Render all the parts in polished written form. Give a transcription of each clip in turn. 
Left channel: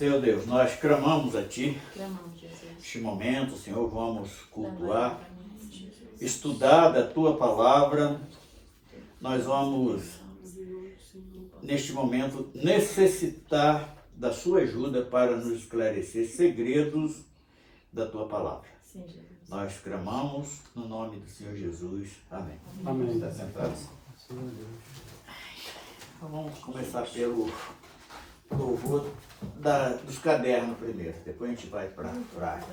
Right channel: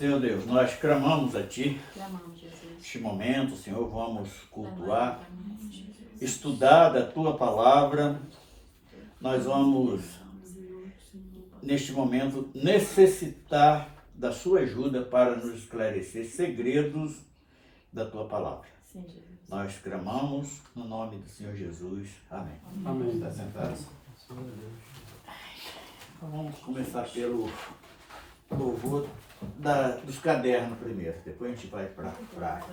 Senhor Deus, nós clamamos a Ti. Clamamos, Jesus. Neste momento, Senhor, vamos cultuar, estudar da Tua Palavra. Nós vamos, neste momento, necessitar da Sua ajuda para nos esclarecer segredos da Tua Palavra. Sim, Jesus. Nós clamamos no nome do Senhor Jesus. Amém. Amém. Está sentado? Então vamos começar pelo louvor dos cadernos primeiro. Depois a gente vai para a frase.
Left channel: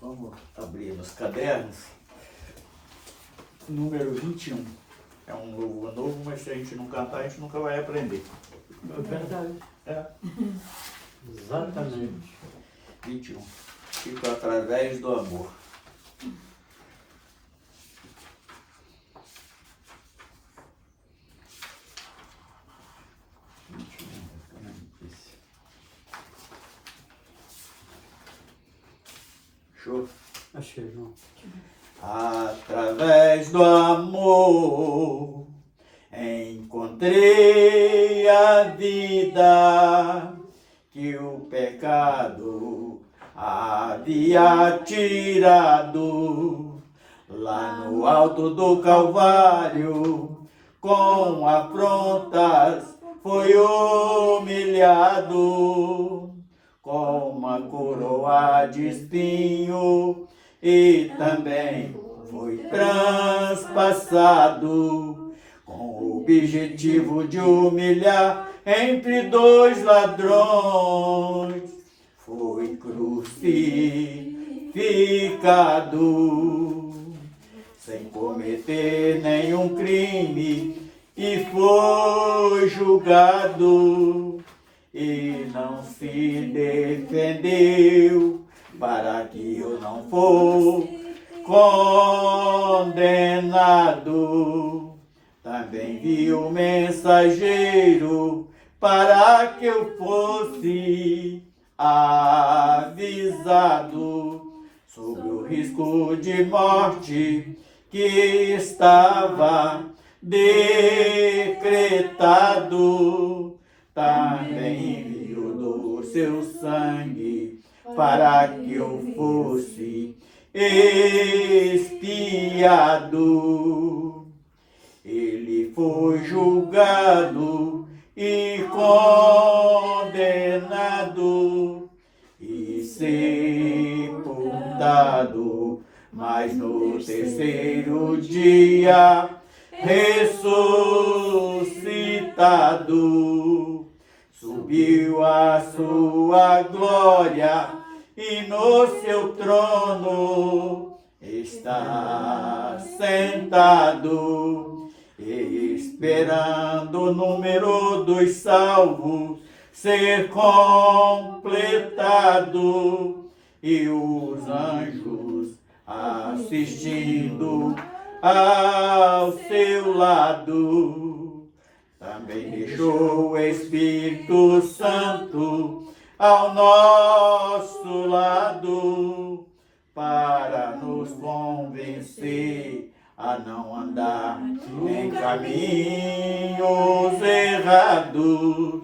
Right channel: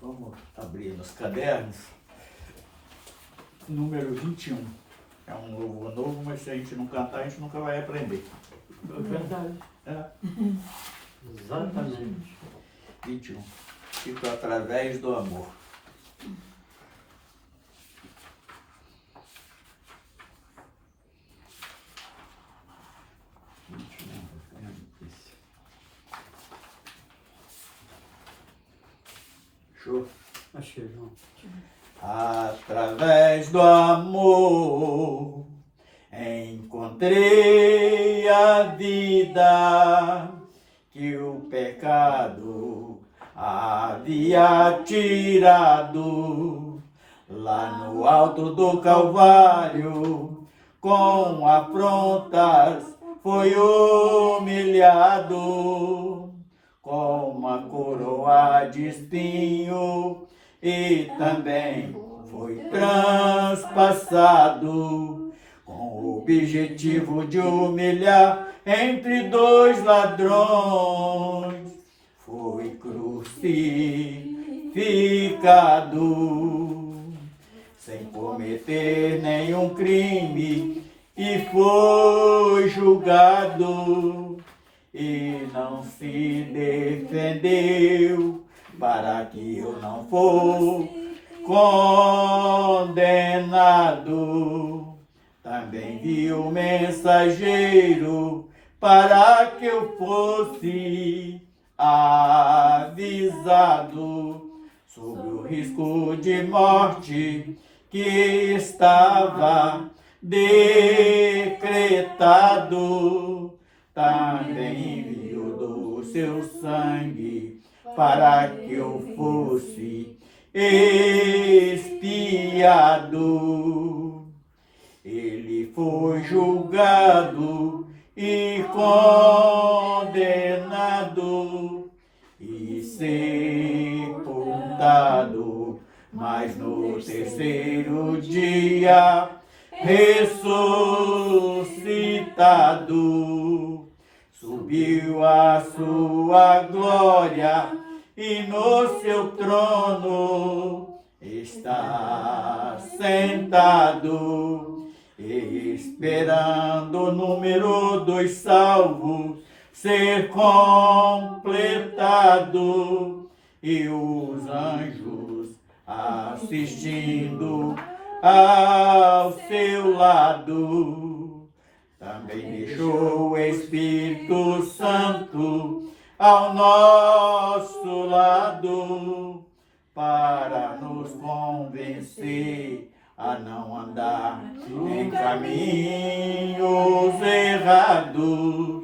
Vamos abrir nos cadernos. Número 21. É um louvor novo, mas se a gente não cantar, a gente nunca vai aprender. É verdade. É. Exatamente. 21. Fico através do amor. Show? Achei, João. Através do amor encontrei a vida que o pecado havia tirado. Lá no alto do Calvário, com afrontas foi humilhado, com uma coroa de espinho e também foi transpassado, com o objetivo de humilhar entre dois ladrões. Foi crucificado, sem cometer nenhum crime, e foi julgado, e não se defendeu, para que eu não fosse condenado. Também vi o mensageiro para que eu fosse avisado sobre o risco de morte que estava decretado. Também enviou do seu sangue para que eu fosse expiado. Ele foi julgado e condenado e sepultado, mas no terceiro dia ressuscitado, subiu a sua glória e no seu trono está sentado, esperando o número dos salvos ser completado, e os anjos assistindo ao seu lado. Também deixou o Espírito Santo ao nosso lado, para nos convencer a não andar em caminhos errados,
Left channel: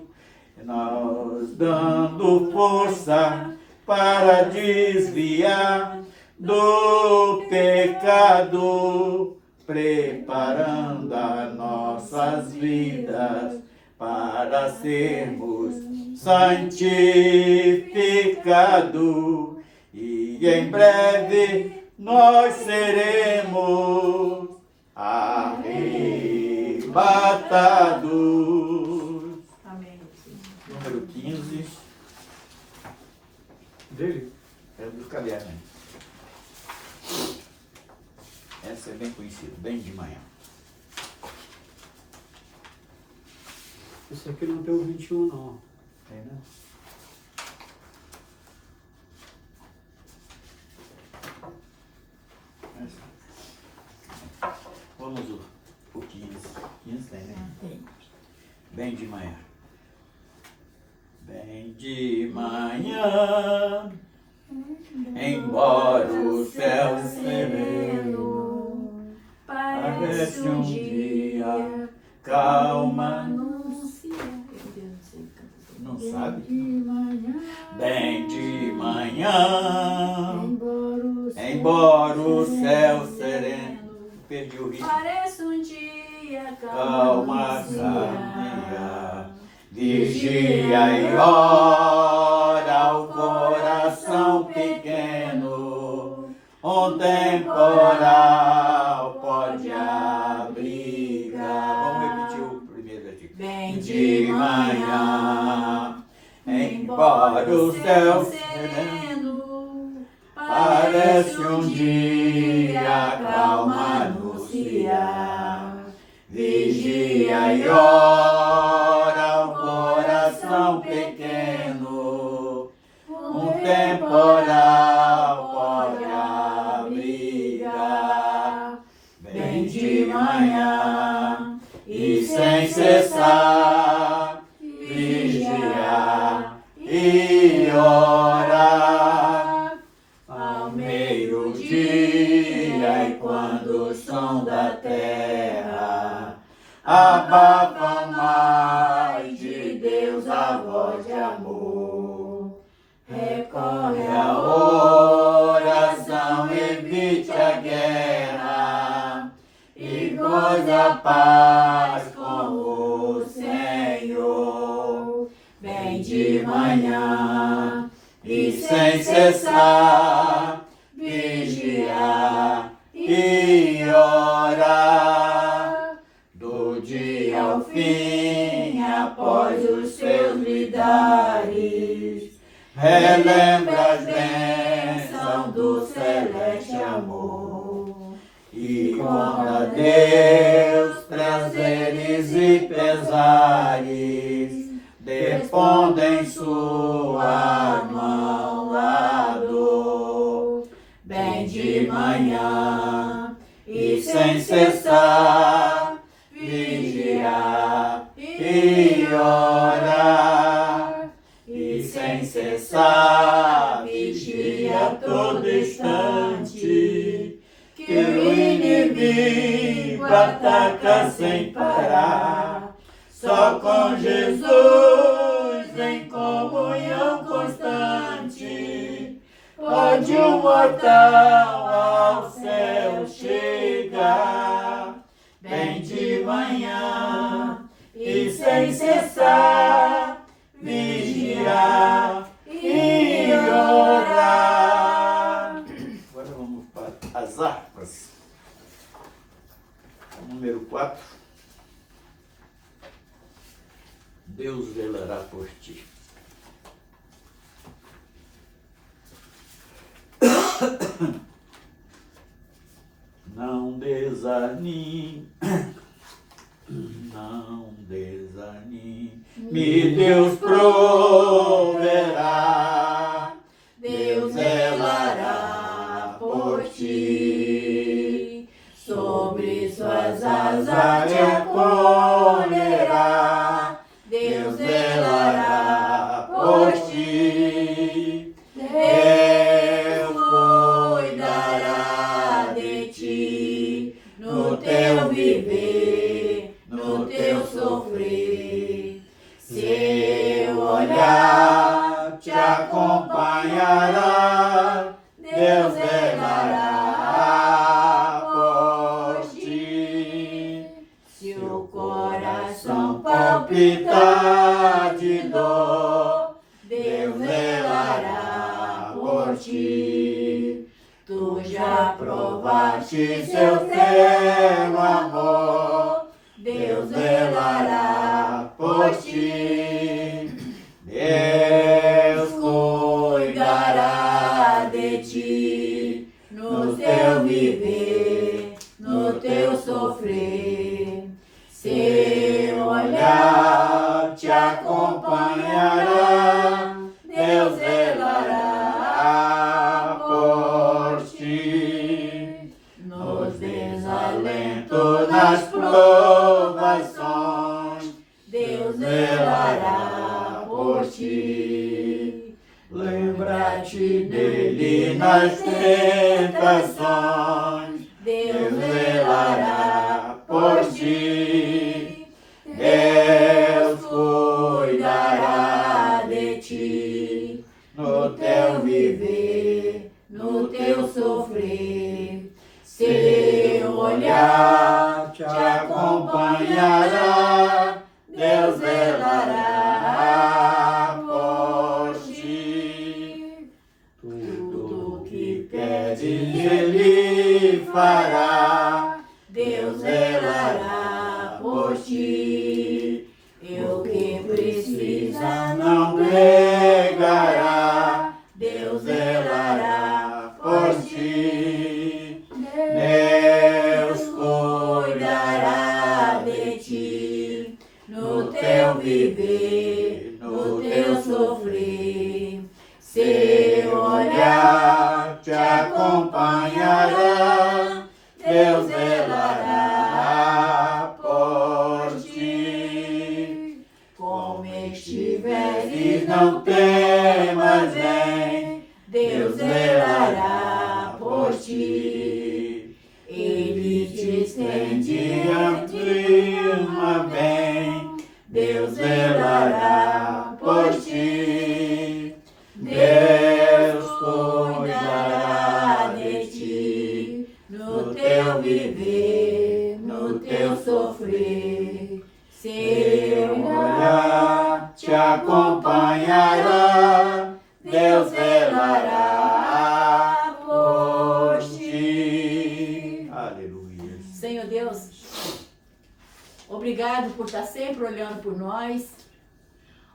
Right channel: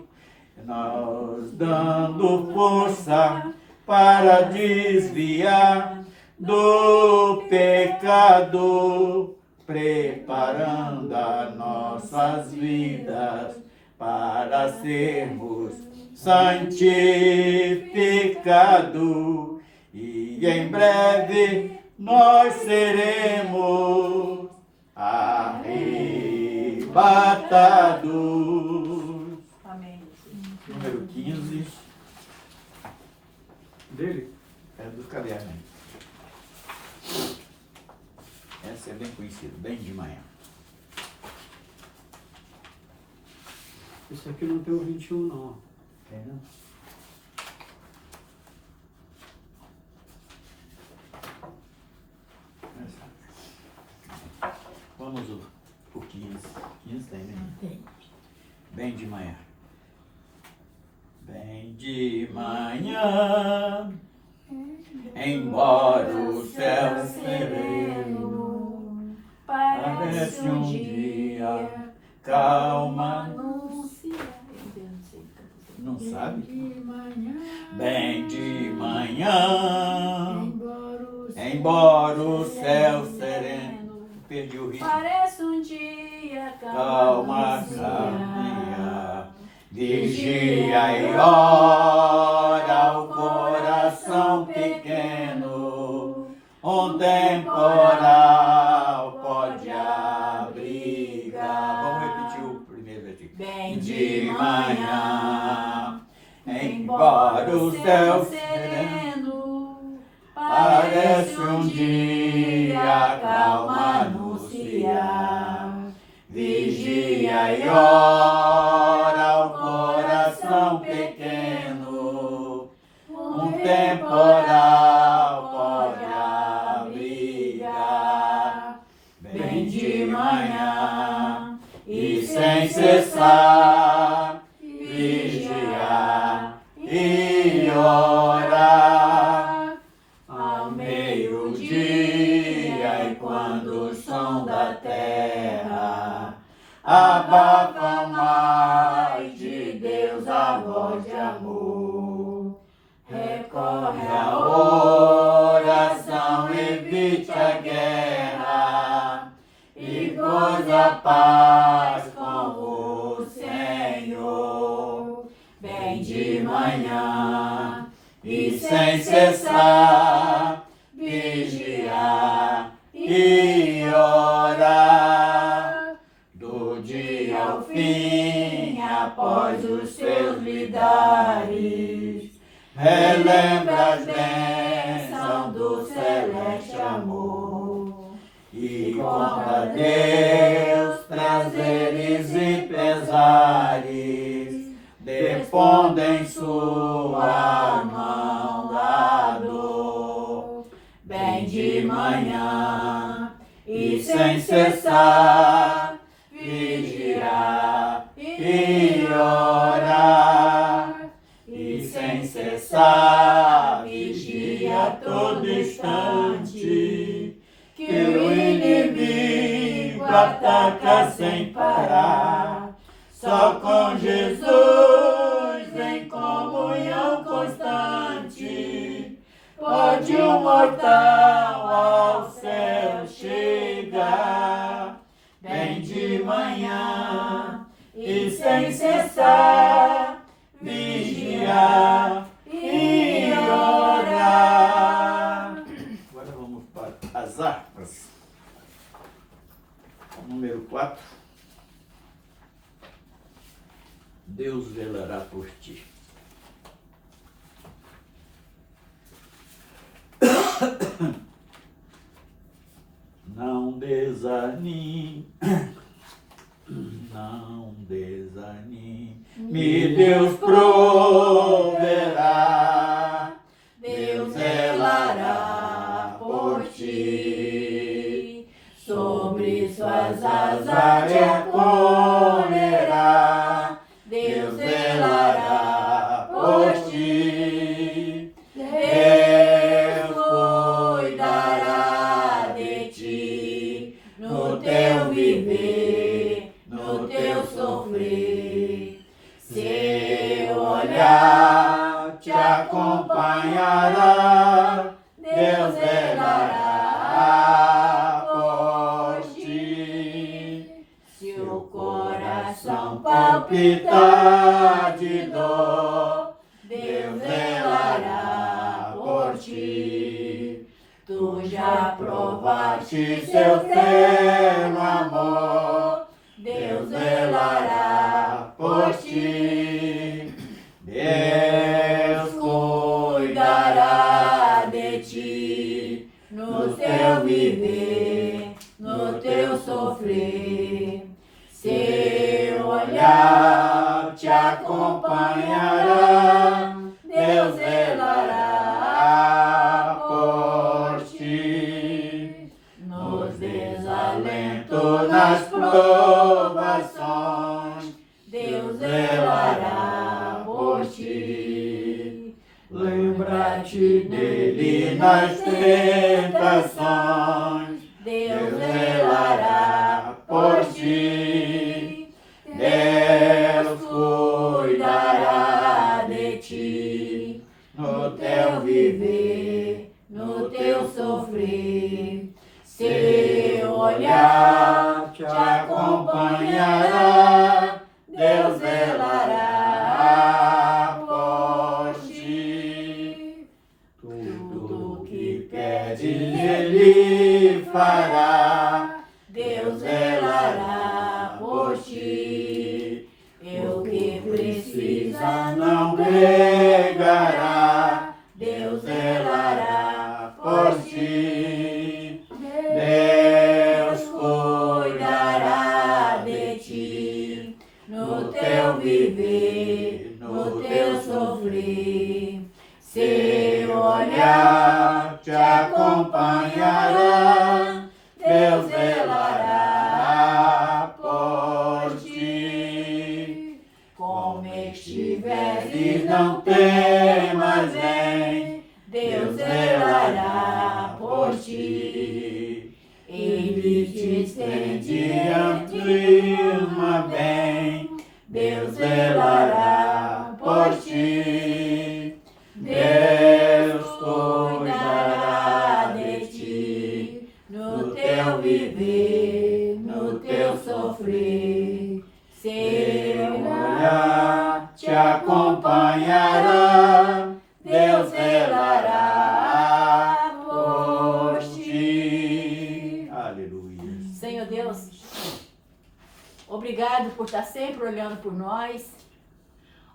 nós dando força para desviar do pecado, preparando as nossas vidas para sermos santificados, e em breve nós seremos arrebatados. Amém. Número 15. Dele? É dos cadernos. Essa é bem conhecida, bem de manhã. Esse aqui não tem o 21, não. Tem, né? Vamos o 15. 15 tem, né? Tem. Bem de manhã. de manhã, embora o céu sereno parece um dia calma. Não sabe? Bem de manhã, embora o céu sereno, perdi o ritmo. Parece um dia Calma sabia, vigia e ora o coração pequeno, um temporal pode abrigar. Vamos repetir o primeiro versículo. Bem De manhã, embora o céu sereno parece um dia calma anunciar, vigia e ora o coração pequeno, um temporal pode abrigar. Bem de manhã e sem cessar, vigiar e orar, ao meio-dia, e quando o som da terra abafa mais de Deus a voz de amor, recorre à oração, evite a guerra e goza a paz com o Senhor. Bem de manhã e sem cessar, vigiar e orar, do dia ao fim, após os seus lidares, relembra as bênçãos do celeste amor e conta Deus prazeres e pesares, depondo em sua mão a dor. Bem de manhã e sem cessar, vigiar e orar, e sem cessar, vigia a todo instante, que o inimigo ataca sem parar. Só com Jesus em comunhão constante pode o mortal ao céu chegar. Bem de manhã e sem cessar, vigiar e orar. Agora vamos para as harpas. Número 4. Deus velará por ti. Não desanime, não desanime, Deus proverá, Deus velará por ti, sobre suas asas te acolherá, Deus velará por ti, Deus cuidará de ti, no teu viver, no teu sofrer, seu olhar te acompanhará, Deus velará por ti. Se o coração palpitar de dor, Deus velará por ti. Tu já provaste seu terno amor, Deus velará por ti. Deus cuidará de ti, no teu viver, no teu sofrer. Seu olhar te acompanhará, Deus velará por ti. Nos desalentos, nas provações, Deus velará por por ti. Lembra-te dele nas tentações, Deus velará por ti. Deus cuidará de ti, no teu viver, no teu sofrer. Seu olhar te acompanhará, Deus velará por ti. Tudo que pedes Ele fará, Deus velará por ti. E o que precisa não negará, Deus velará por ti. Deus cuidará de ti, no teu viver, no teu sofrer. Seu olhar te acompanhará, Deus velará por ti. Como estiveres, não temas, vem, Deus velará por ti. Ele te estende a firma bem, Deus velará por ti. Deus cuidará de ti, no teu viver, no teu sofrer. Seu olhar te acompanhará, Deus velará por ti. Aleluia. Senhor Deus, obrigado por estar sempre olhando por nós.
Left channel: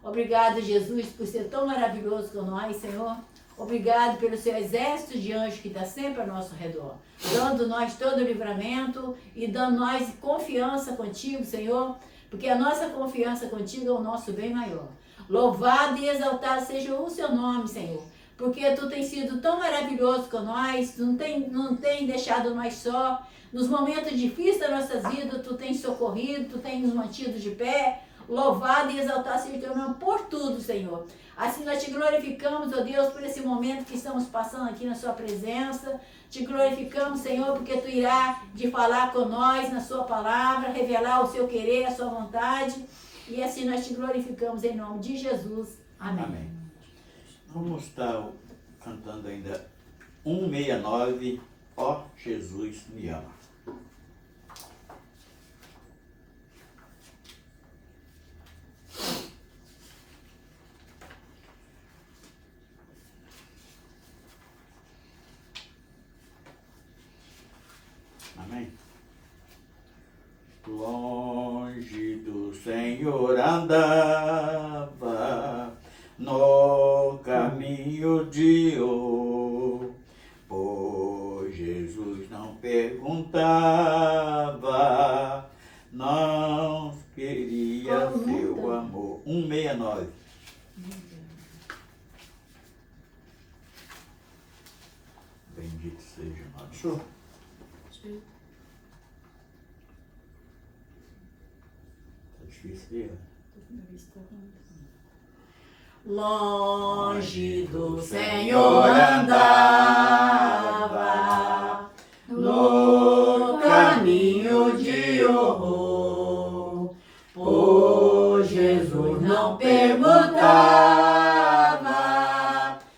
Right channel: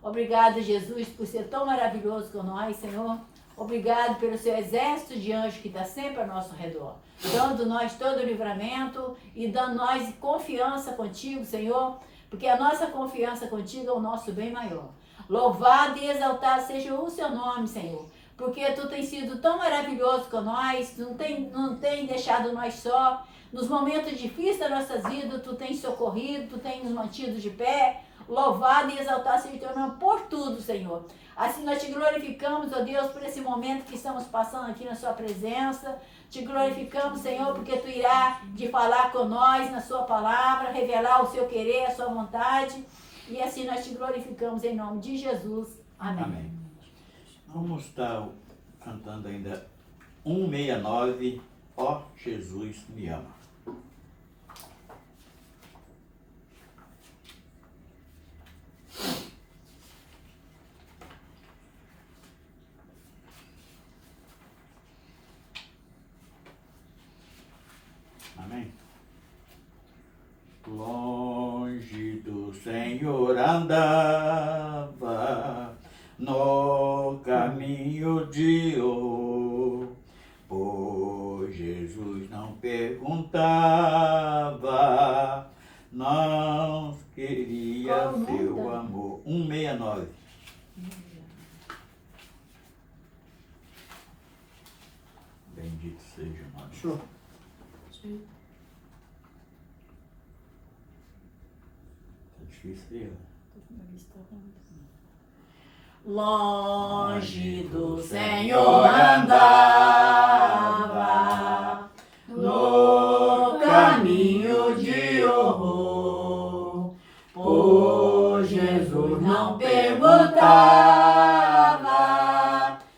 Obrigado, Jesus, por ser tão maravilhoso com nós, Senhor. Obrigado pelo seu exército de anjos que está sempre ao nosso redor, dando nós todo o livramento e dando nós confiança contigo, Senhor, porque a nossa confiança contigo é o nosso bem maior. Louvado e exaltado seja o seu nome, Senhor, porque tu tens sido tão maravilhoso com nós, não tem deixado nós só. Nos momentos difíceis das nossas vidas, tu tens socorrido, tu tens nos mantido de pé. Louvado e exaltado seja o teu nome por tudo, Senhor. Assim nós te glorificamos, ó Deus, por esse momento que estamos passando aqui na sua presença. Te glorificamos, Senhor, porque tu irá de falar com nós na sua palavra, revelar o seu querer, a sua vontade. E assim nós te glorificamos em nome de Jesus. Amém. Amém. Vamos estar cantando ainda 169, ó Jesus me ama. Amém? Longe do Senhor andava, no caminho de ouro, pois Jesus não perguntava, não queria seu amor. 169. Bendito seja o nome. Show. Tá difícil. Longe do Senhor andava, no caminho de horror, pois Jesus não perguntava,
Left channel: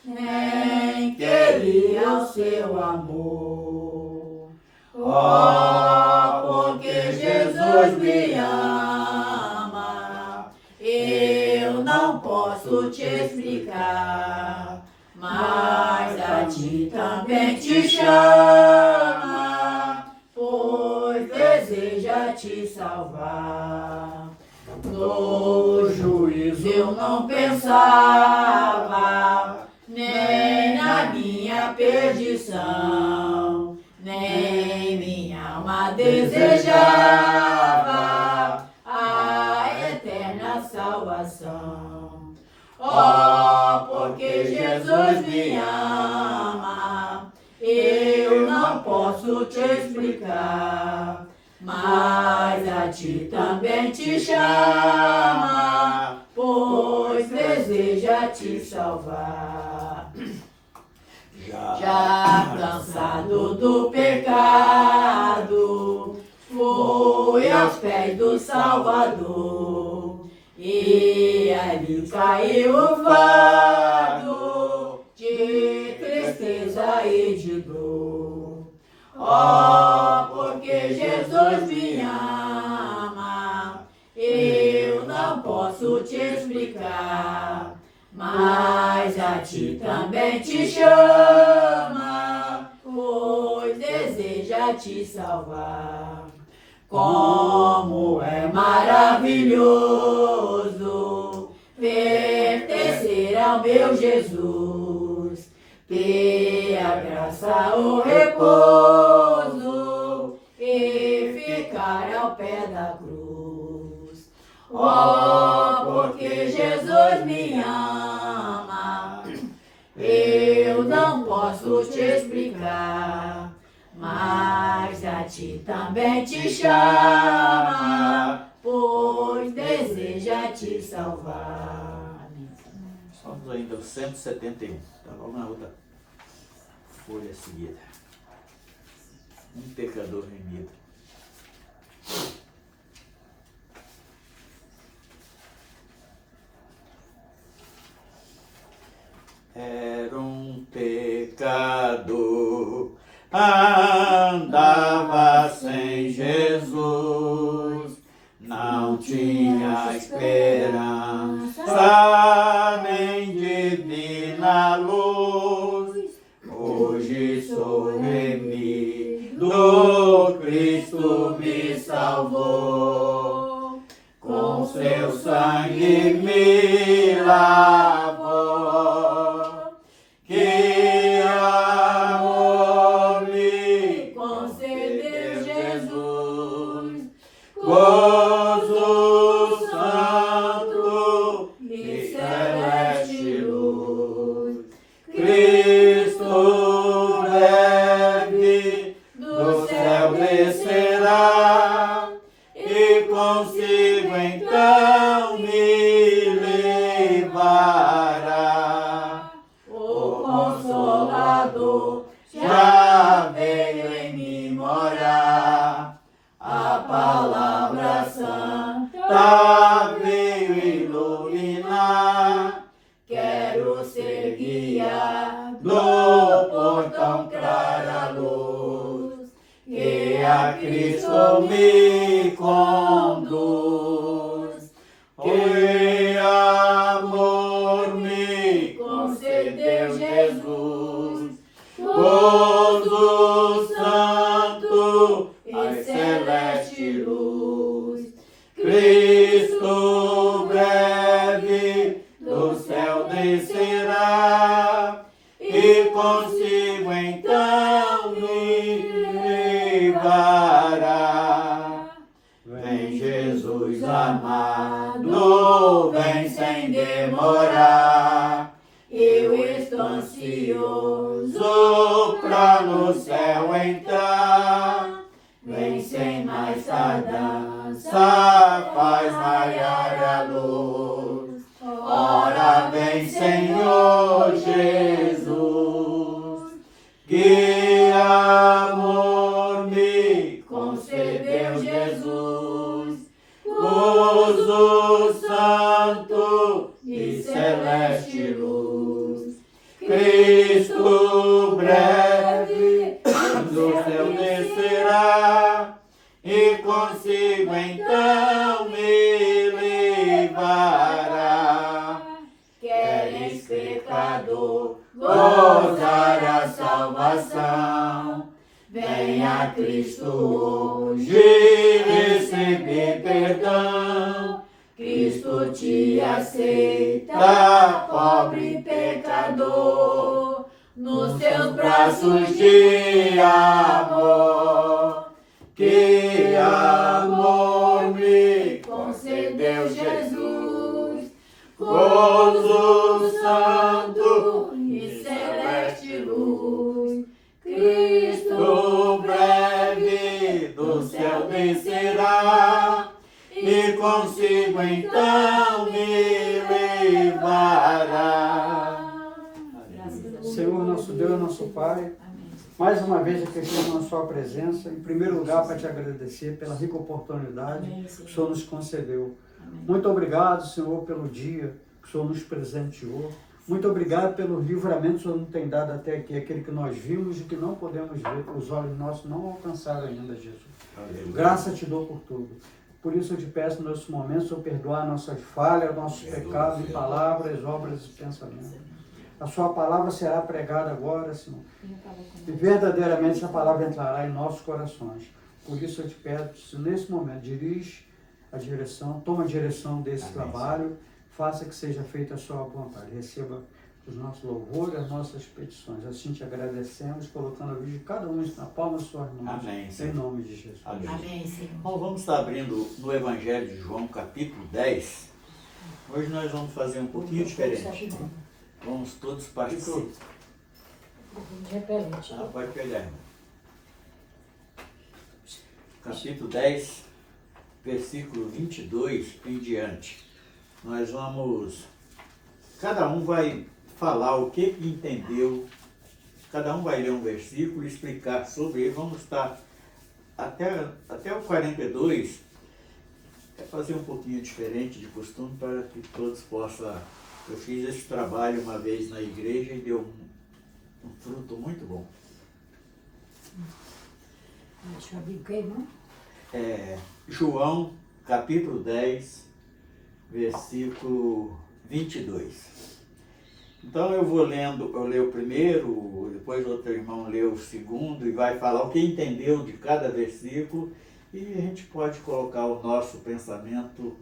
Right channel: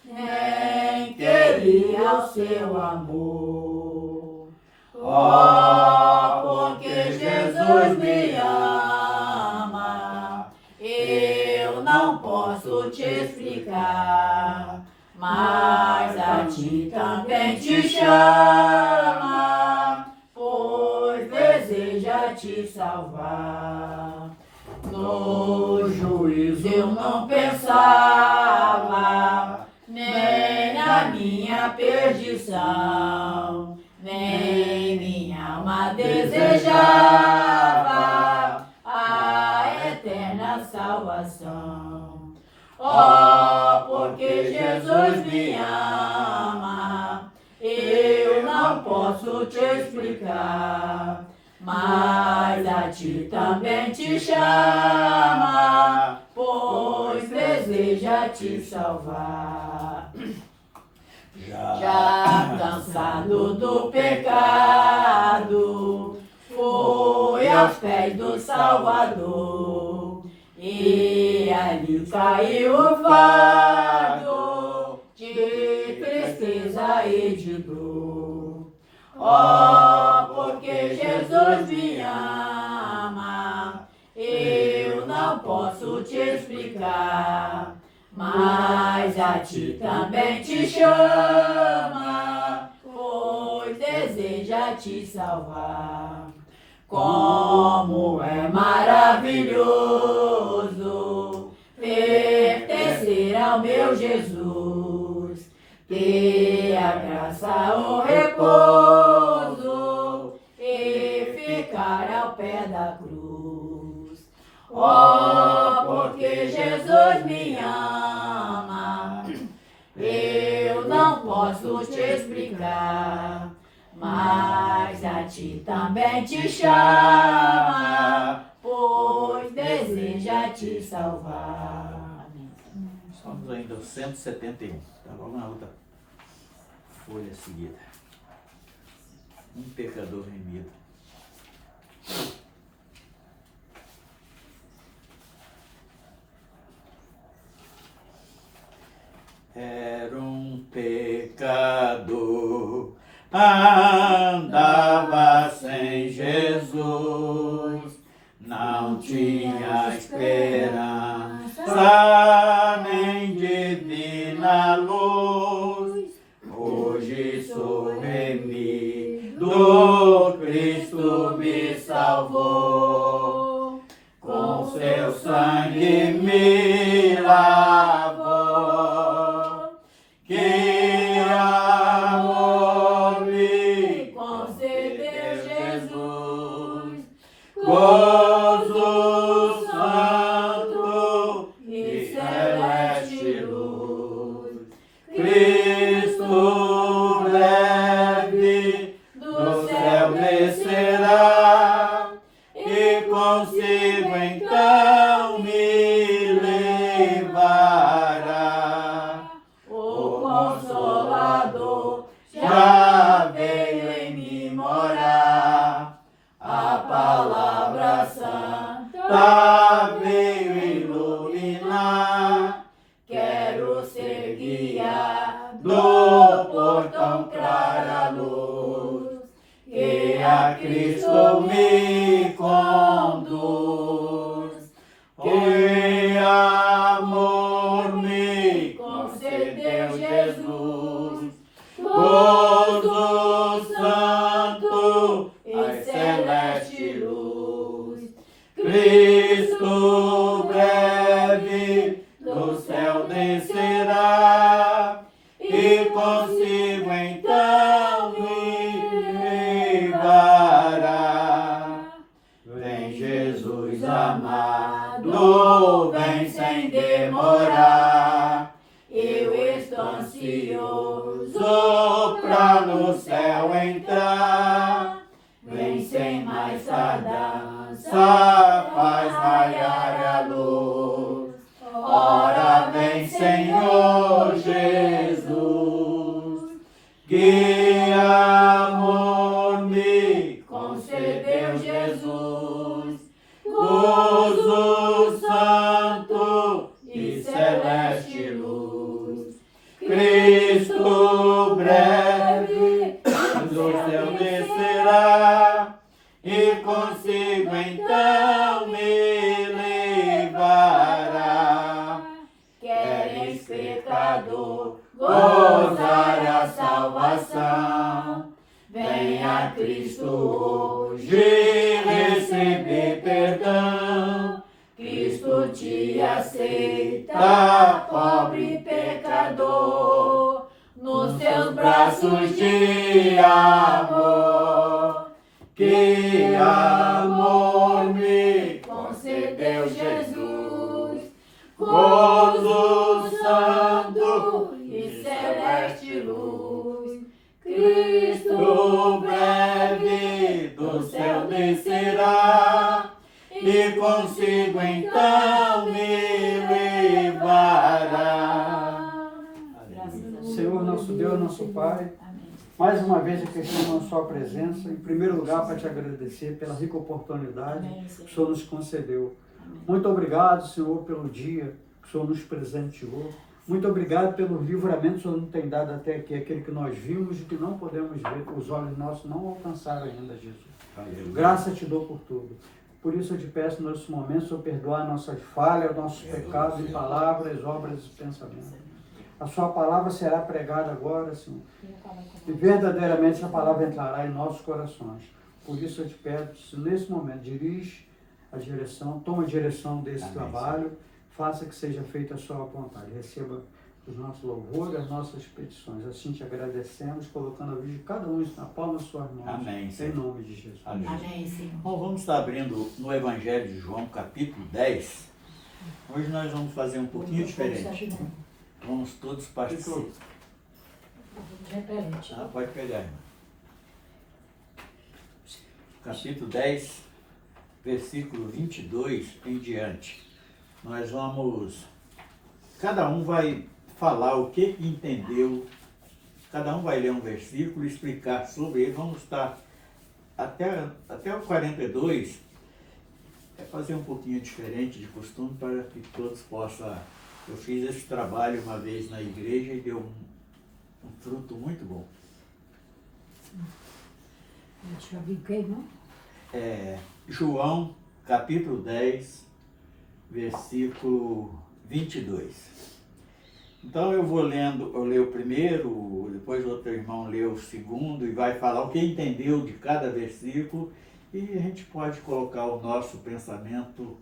nem queria o seu amor. Oh, porque Jesus me ama, eu não posso te explicar, mas a ti também te chama, pois deseja te salvar. No juízo eu não pensava, nem na minha perdição, nem minha alma desejava a eterna salvação. Oh, porque Jesus me ama, eu não posso te explicar, mas a ti também te chama, pois deseja deseja te salvar. Já Cansado do pecado, foi aos pés do Salvador, e ali caiu o fardo de tristeza e de dor. Oh, porque Jesus me ama, eu não posso te explicar, mas a ti também te chama, pois deseja te salvar. Como é maravilhoso pertencer ao meu Jesus, ter a graça, o repouso e ficar ao pé da cruz. Oh, porque Jesus me ama, eu não posso te explicar, mas a ti também te chama, pois deseja te salvar. Estamos ainda no 171. Tá logo na outra folha seguida. Um pecador remido. Era um pecador, andava sem Jesus, não tinha esperança nem divina luz. Hoje sou remido, Cristo me salvou, com seu sangue me lavou. Que amor me concedeu Jesus, gozo santo e celeste luz. Cristo breve do céu descerá, e consigo então me levará. O Consolador já veio em mim morar, a palavra santa veio iluminar. Quero ser guiado por tão clara luz, que a Cristo me conduz. Que amor me concedeu Jesus, gozo santo e celeste luz. Cristo breve do céu descerá, e consigo então me levará. Vem Jesus amado, vem sem demorar, eu estou ansioso pra no céu entrar. Vem sem mais tardança, faz raiar a luz. Ora vem, Senhor Jesus. Que amor me concedeu Jesus, gozo santo e celeste luz. Cristo breve do céu descerá, e consigo então me levará. Queres, pecador, gozar a salvação? Venha Cristo hoje receber perdão. Cristo te aceita, pobre pecador, nos seus braços de amor. Que amor me concedeu Jesus, gozo santo e celeste luz. Cristo breve do céu descerá, e consigo então me levará. nosso Pai. Amém. Mais uma vez aqui estamos na Sua presença. Em primeiro lugar, para te agradecer pela rica oportunidade Amém, que Senhor. o Senhor nos concedeu. Amém. Muito obrigado, Senhor, pelo dia que o Senhor nos presenteou. Muito obrigado pelo livramento que o Senhor nos tem dado até aqui, aquele que nós vimos e que não podemos ver, os olhos nossos não alcançaram ainda, Jesus. Aleluia. Graça te dou por tudo. Por isso eu te peço nesse momento, Senhor, perdoar nossas falhas, nossos pecados em palavras, obras e pensamentos. A sua palavra será pregada agora, Senhor. E verdadeiramente essa palavra entrará em nossos corações. Por isso eu te peço, nesse momento, dirige a direção, toma a direção desse Amém, trabalho, faça que seja feita a sua vontade. Receba os nossos louvores, as nossas petições. Assim te agradecemos, colocando a vida de cada um na palma das suas mãos. Amém, Em Senhor. nome de Jesus. Amém. Amém, Senhor. Bom, vamos estar abrindo no Evangelho de João, capítulo 10. Hoje nós vamos fazer um pouquinho diferente. Vamos todos participar. Repete. Pode pegar, irmão. Capítulo 10, versículo 22 em diante. Nós vamos... Cada um vai falar o que entendeu. Cada um vai ler um versículo e explicar sobre ele. Vamos estar até o 42, fazer um pouquinho diferente de costume para que todos possam... Eu fiz esse trabalho uma vez na igreja e deu um fruto muito bom. Deixa eu ver o que, não? João, capítulo 10, versículo 22. Então eu vou lendo, eu leio o primeiro, depois outro irmão lê o segundo e vai falar o que entendeu de cada versículo e a gente pode colocar o nosso pensamento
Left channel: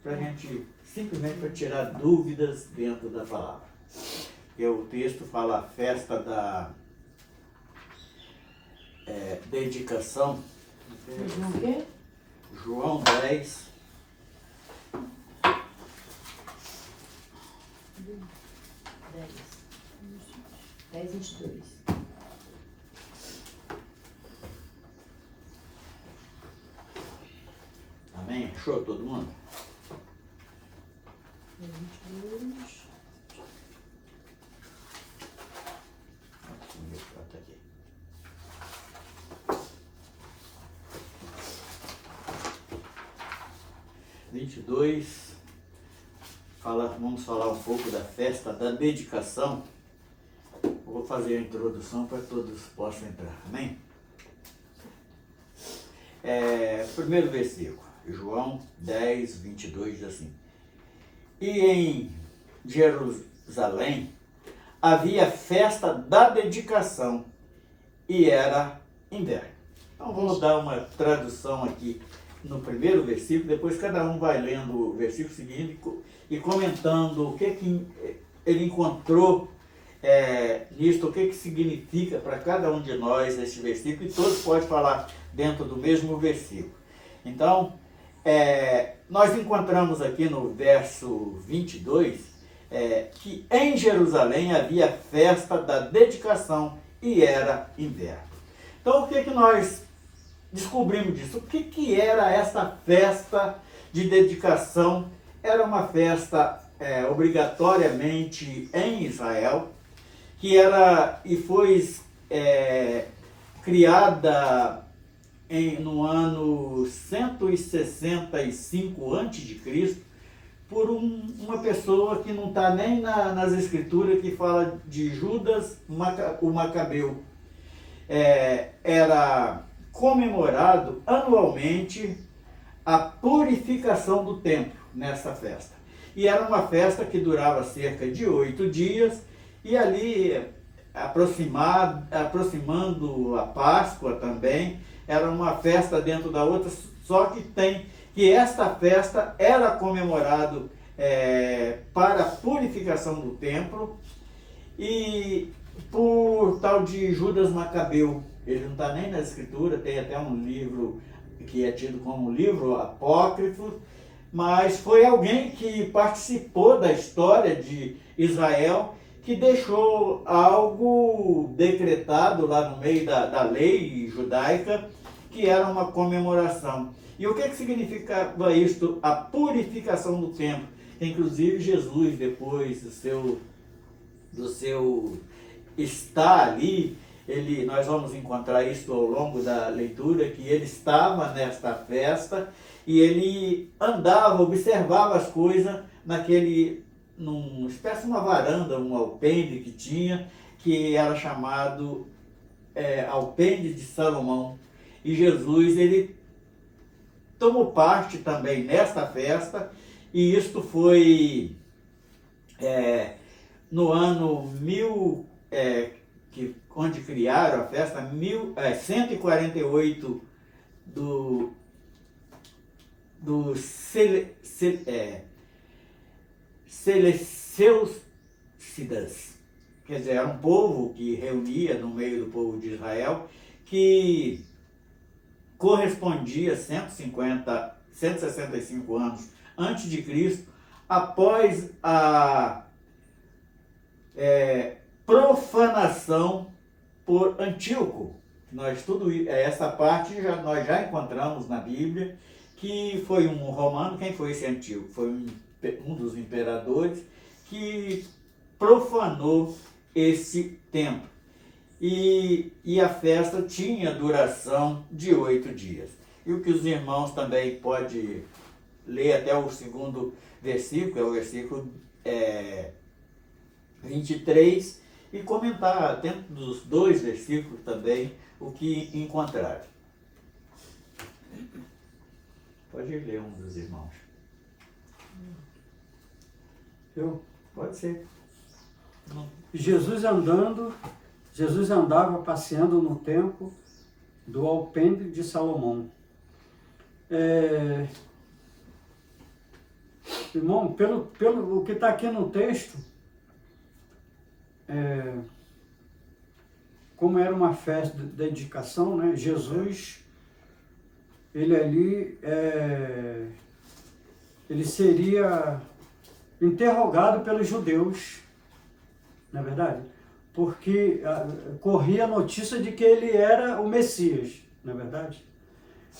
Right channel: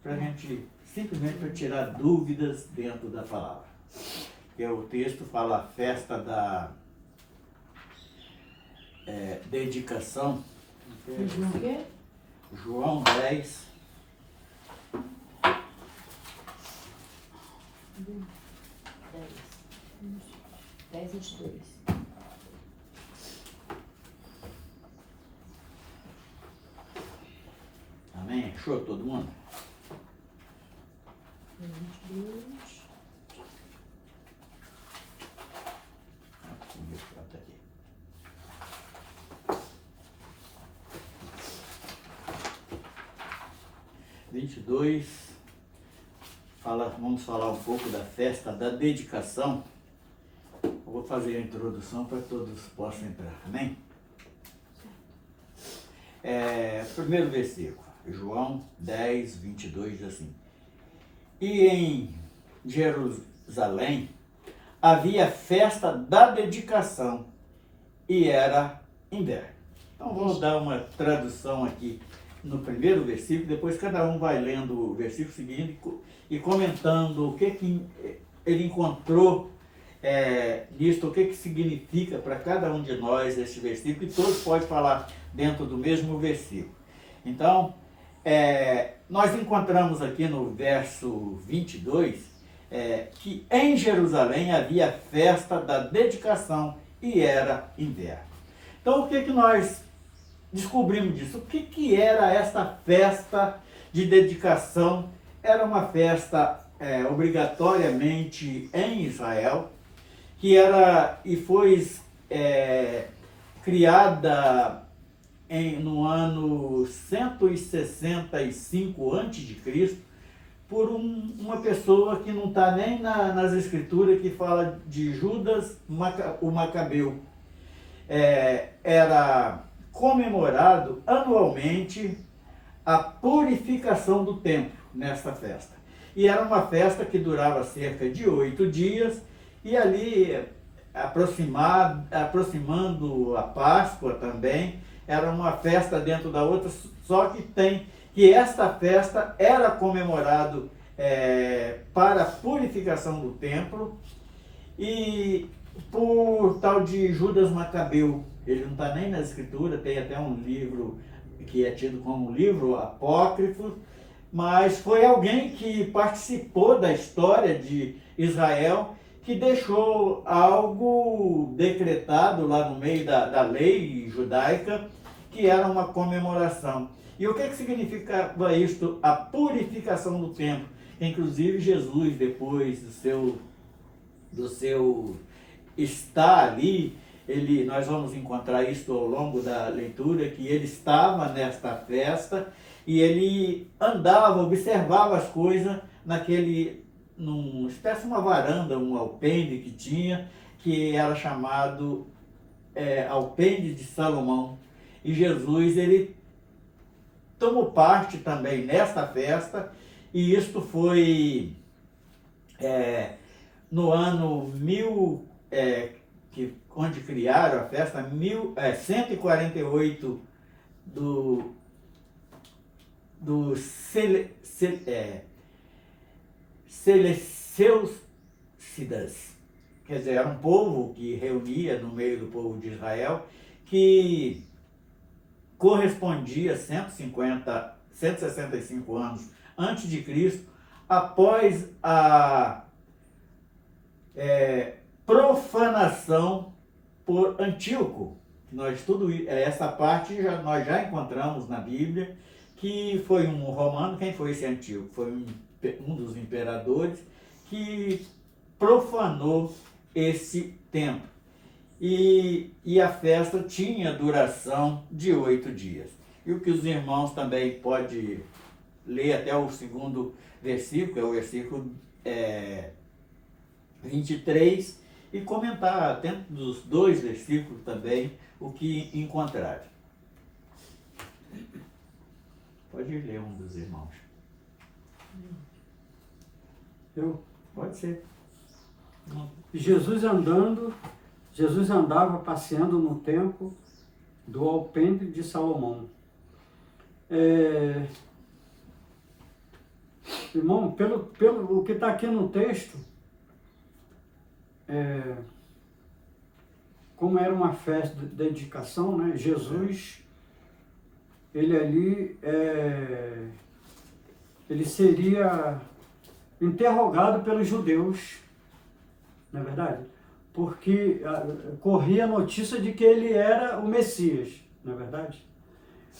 para a gente, simplesmente para tirar dúvidas dentro da palavra. Que o texto fala a festa da dedicação. João o quê? João 10, 10:22. amém? Achou todo mundo? 22. Tá aqui. Vamos falar um pouco da festa da dedicação. Eu vou fazer a introdução para que todos possam entrar, amém? Primeiro versículo, João 10, 22 diz assim: E em Jerusalém havia festa da dedicação e era inverno. Então vamos dar uma tradução aqui no primeiro versículo, depois cada um vai lendo o versículo seguinte e comentando o que ele encontrou nisto, o que significa para cada um de nós esse versículo, e todos podem falar dentro do mesmo versículo. Então, nós encontramos aqui no verso 22 que em Jerusalém havia festa da dedicação e era inverno. Então, o que nós descobrimos disso? O que era essa festa de dedicação? Era uma festa obrigatoriamente em Israel, que era e foi criada no ano 165 a.C., por uma pessoa que não está nem nas escrituras, que fala de Judas o Macabeu. Era comemorado anualmente a purificação do templo nessa festa. E era uma festa que durava cerca de 8 dias, e ali, aproximando a Páscoa também, era uma festa dentro da outra, só que esta festa era comemorado para a purificação do templo, e por tal de Judas Macabeu. Ele não está nem na escritura, tem até um livro que é tido como um livro apócrifo, mas foi alguém que participou da história de Israel, que deixou algo decretado lá no meio da lei judaica, que era uma comemoração. E o que significava isto? A purificação do templo. Inclusive Jesus, depois do seu está ali, nós vamos encontrar isso ao longo da leitura, que ele estava nesta festa e ele andava, observava as coisas numa espécie de uma varanda, um alpendre que tinha, que era chamado Alpendre de Salomão. E Jesus, ele tomou parte também nesta festa, e isto foi no ano onde criaram a festa, 148 do Seleucidas. Quer dizer, era um povo que reunia no meio do povo de Israel, que correspondia a 165 anos antes de Cristo, após a profanação por Antíoco. Essa parte nós já encontramos na Bíblia, que foi um romano. Quem foi esse Antíoco? Foi um dos imperadores que profanou esse templo. E a festa tinha duração de 8 dias. E o que os irmãos também podem ler até o segundo versículo, é o versículo 23, e comentar dentro dos 2 versículos também o que encontraram. Pode ler um dos irmãos. Eu? Pode ser. Jesus andava passeando no templo do Alpendre de Salomão. Irmão, pelo o que está aqui no texto, como era uma festa de dedicação, né? Jesus, ele ali, ele seria interrogado pelos judeus, não é verdade? Porque corria a notícia de que ele era o Messias, não é verdade?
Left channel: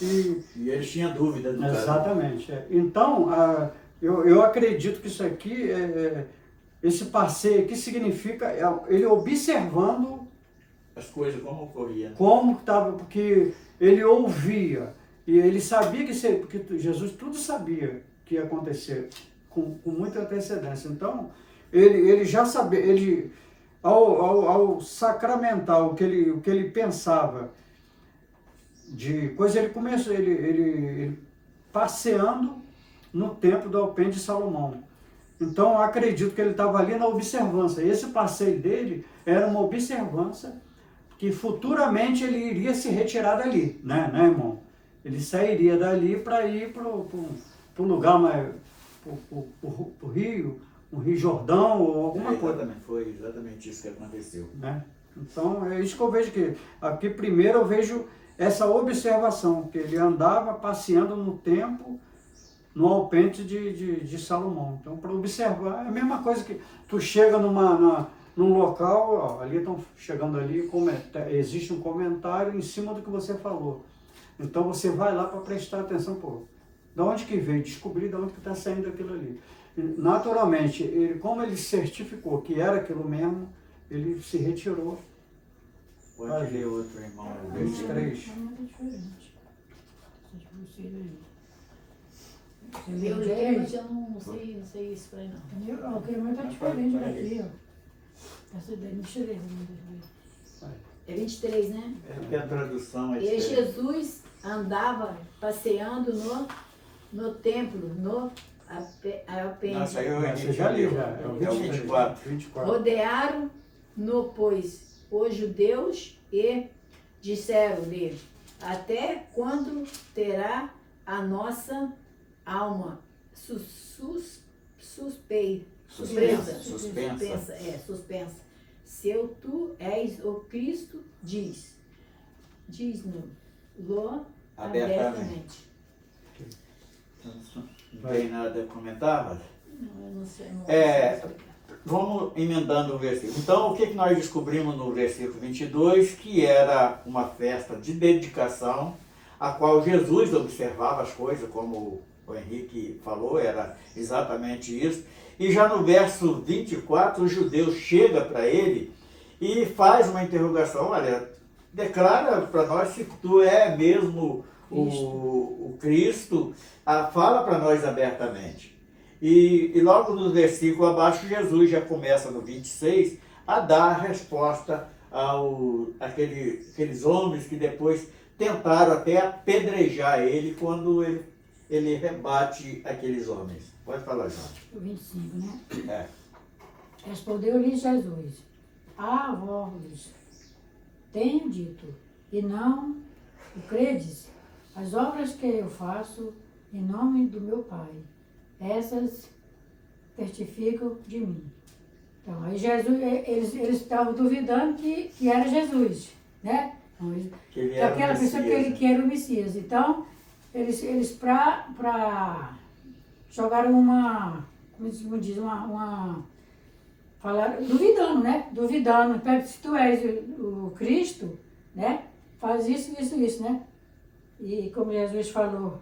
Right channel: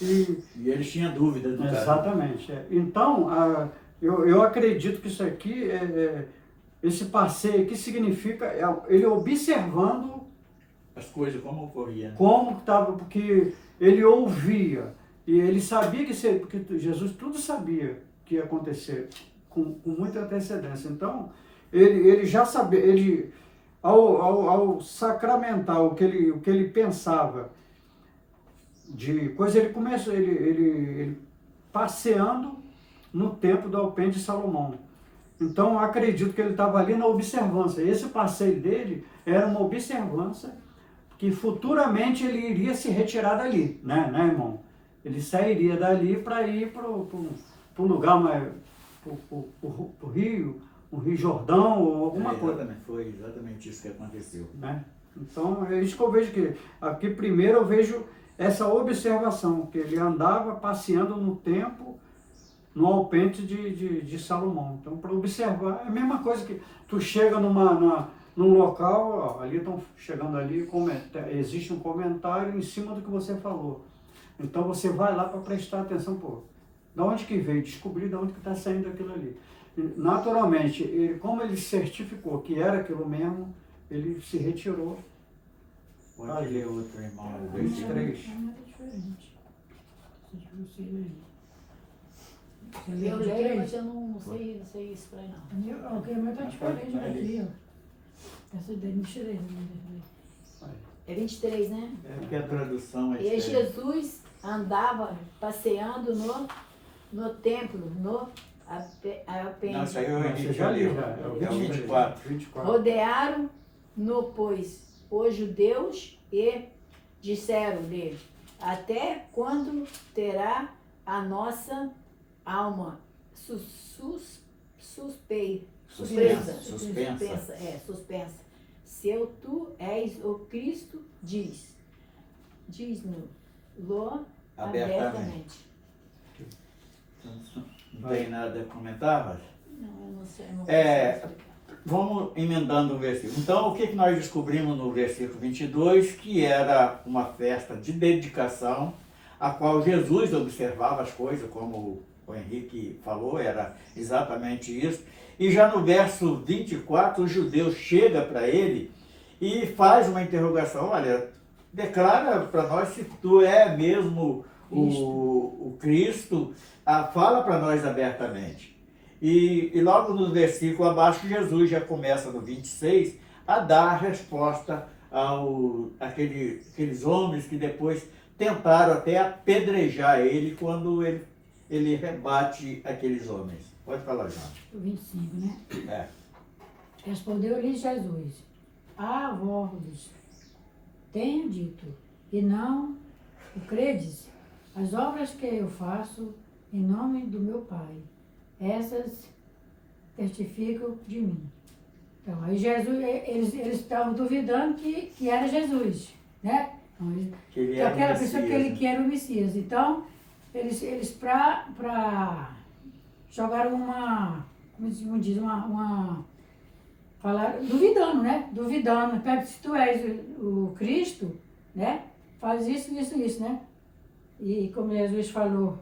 E eles tinham dúvida do caso. Exatamente. Então, eu acredito que isso aqui, esse passeio aqui significa ele observando as coisas como ocorriam. Como estava, porque ele ouvia e ele sabia porque Jesus tudo sabia que ia acontecer com muita antecedência. Então, ele já sabia, ao sacramentar o que ele pensava de coisa, ele começou, ele passeando no templo do Alpendre de Salomão. Então, eu acredito que ele estava ali na observância. Esse passeio dele era uma observância que futuramente ele iria se retirar dali, né, irmão? Ele sairia dali para ir para um lugar mais, para o Rio, um Rio Jordão ou alguma coisa. Foi exatamente isso que aconteceu. Né? Então, é isso que eu vejo aqui primeiro eu vejo essa observação, que ele andava passeando no templo, no Alpendre de Salomão. Então, para observar, é a mesma coisa que tu chega num local, ó, ali estão chegando ali, existe um comentário em cima do que você falou. Então, você vai lá para prestar atenção, da onde que veio, descobrir de onde que está saindo aquilo ali. Naturalmente, como ele certificou que era aquilo mesmo, ele se retirou. Pode ler outro, irmão. 23. Eu leio, mas eu não sei isso para não. O que é muito diferente daqui, ó. Essa daí não tirei, É 23, né? É porque a tradução é E diferente. Jesus andava passeando no templo, no Alpendre. Não, isso aí Você já leu, já. É o 24. 24. Rodearam-no, pois, os judeus e disseram dele: até quando terá a nossa alma suspensa? Se tu és o Cristo, diz-nos-lo abertamente. Não tem nada a comentar, mas... Não, eu não sei. Eu não Vamos emendando o versículo. Então, o que nós descobrimos no versículo 22? Que era uma festa de dedicação, a qual Jesus observava as coisas, como o Henrique falou, era exatamente isso. E já no verso 24, o judeu chega para ele e faz uma interrogação, olha, declara para nós se tu é mesmo o Cristo, fala para nós abertamente. E logo no versículo abaixo, Jesus já começa no 26 a dar a resposta àqueles homens que depois tentaram até apedrejar ele quando ele rebate aqueles homens. Pode falar, João. O 25, né? É. Respondeu-lhes Jesus: a vós tenho dito, e não o credes? As obras que eu faço em nome do meu Pai, essas testificam de mim. Então, aí Jesus, eles estavam duvidando que era Jesus, né? Então, Que ele que era o aquela pessoa Messias, que era o Messias. Então, eles para jogaram como diz, falaram, duvidando, né? Duvidando. Se tu és o Cristo, né? Faz isso, né? E como Jesus falou,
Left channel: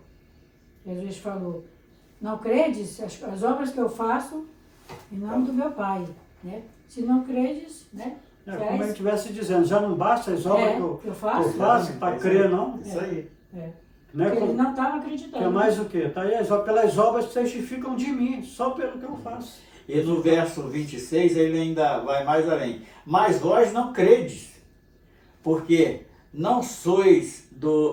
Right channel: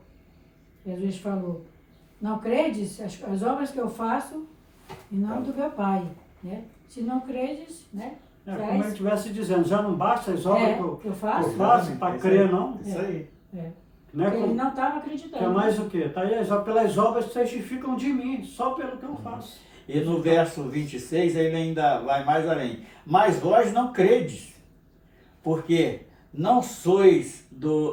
não credes as obras que eu faço em nome do meu Pai, né? Se não credes, né? Como ele estivesse dizendo, já não basta as obras que eu faço para Isso crer, aí. não? Isso aí. Né? Ele não estava acreditando. Que é mais o quê? Tá aí, pelas obras testificam de mim, só pelo que eu faço. E no verso 26 ele ainda vai mais além. Mas vós não credes, porque não sois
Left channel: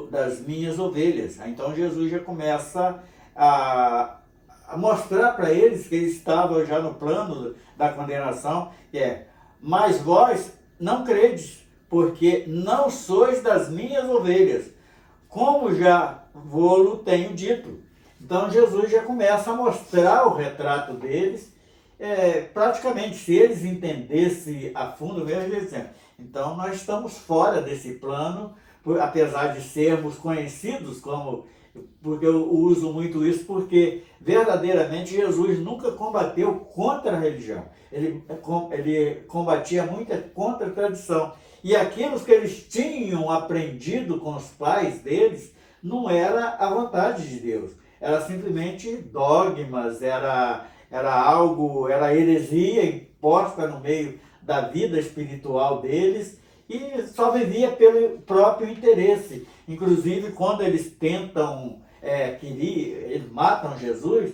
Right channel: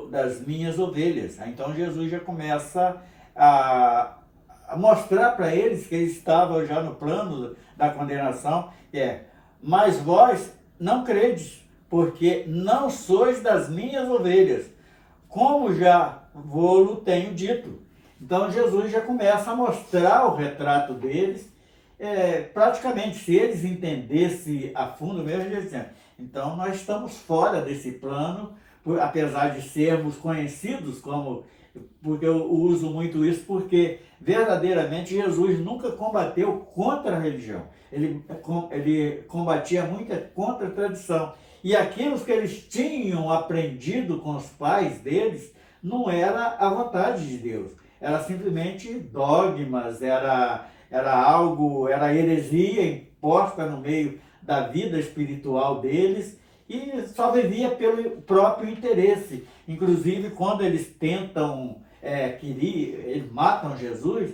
das minhas ovelhas. Então Jesus já começa a mostrar para eles que eles estavam já no plano da condenação, mas vós não credes, porque não sois das minhas ovelhas, como já vou-lo tenho dito. Então Jesus já começa a mostrar o retrato deles, praticamente, se eles entendessem a fundo mesmo, eles dizem, então nós estamos fora desse plano, apesar de sermos conhecidos porque eu uso muito isso, porque verdadeiramente Jesus nunca combateu contra a religião, ele combatia muito contra a tradição, e aquilo que eles tinham aprendido com os pais deles, não era a vontade de Deus, era simplesmente dogmas, era heresia imposta no meio da vida espiritual deles, e só vivia pelo próprio interesse. Inclusive, quando eles tentam, eles matam Jesus,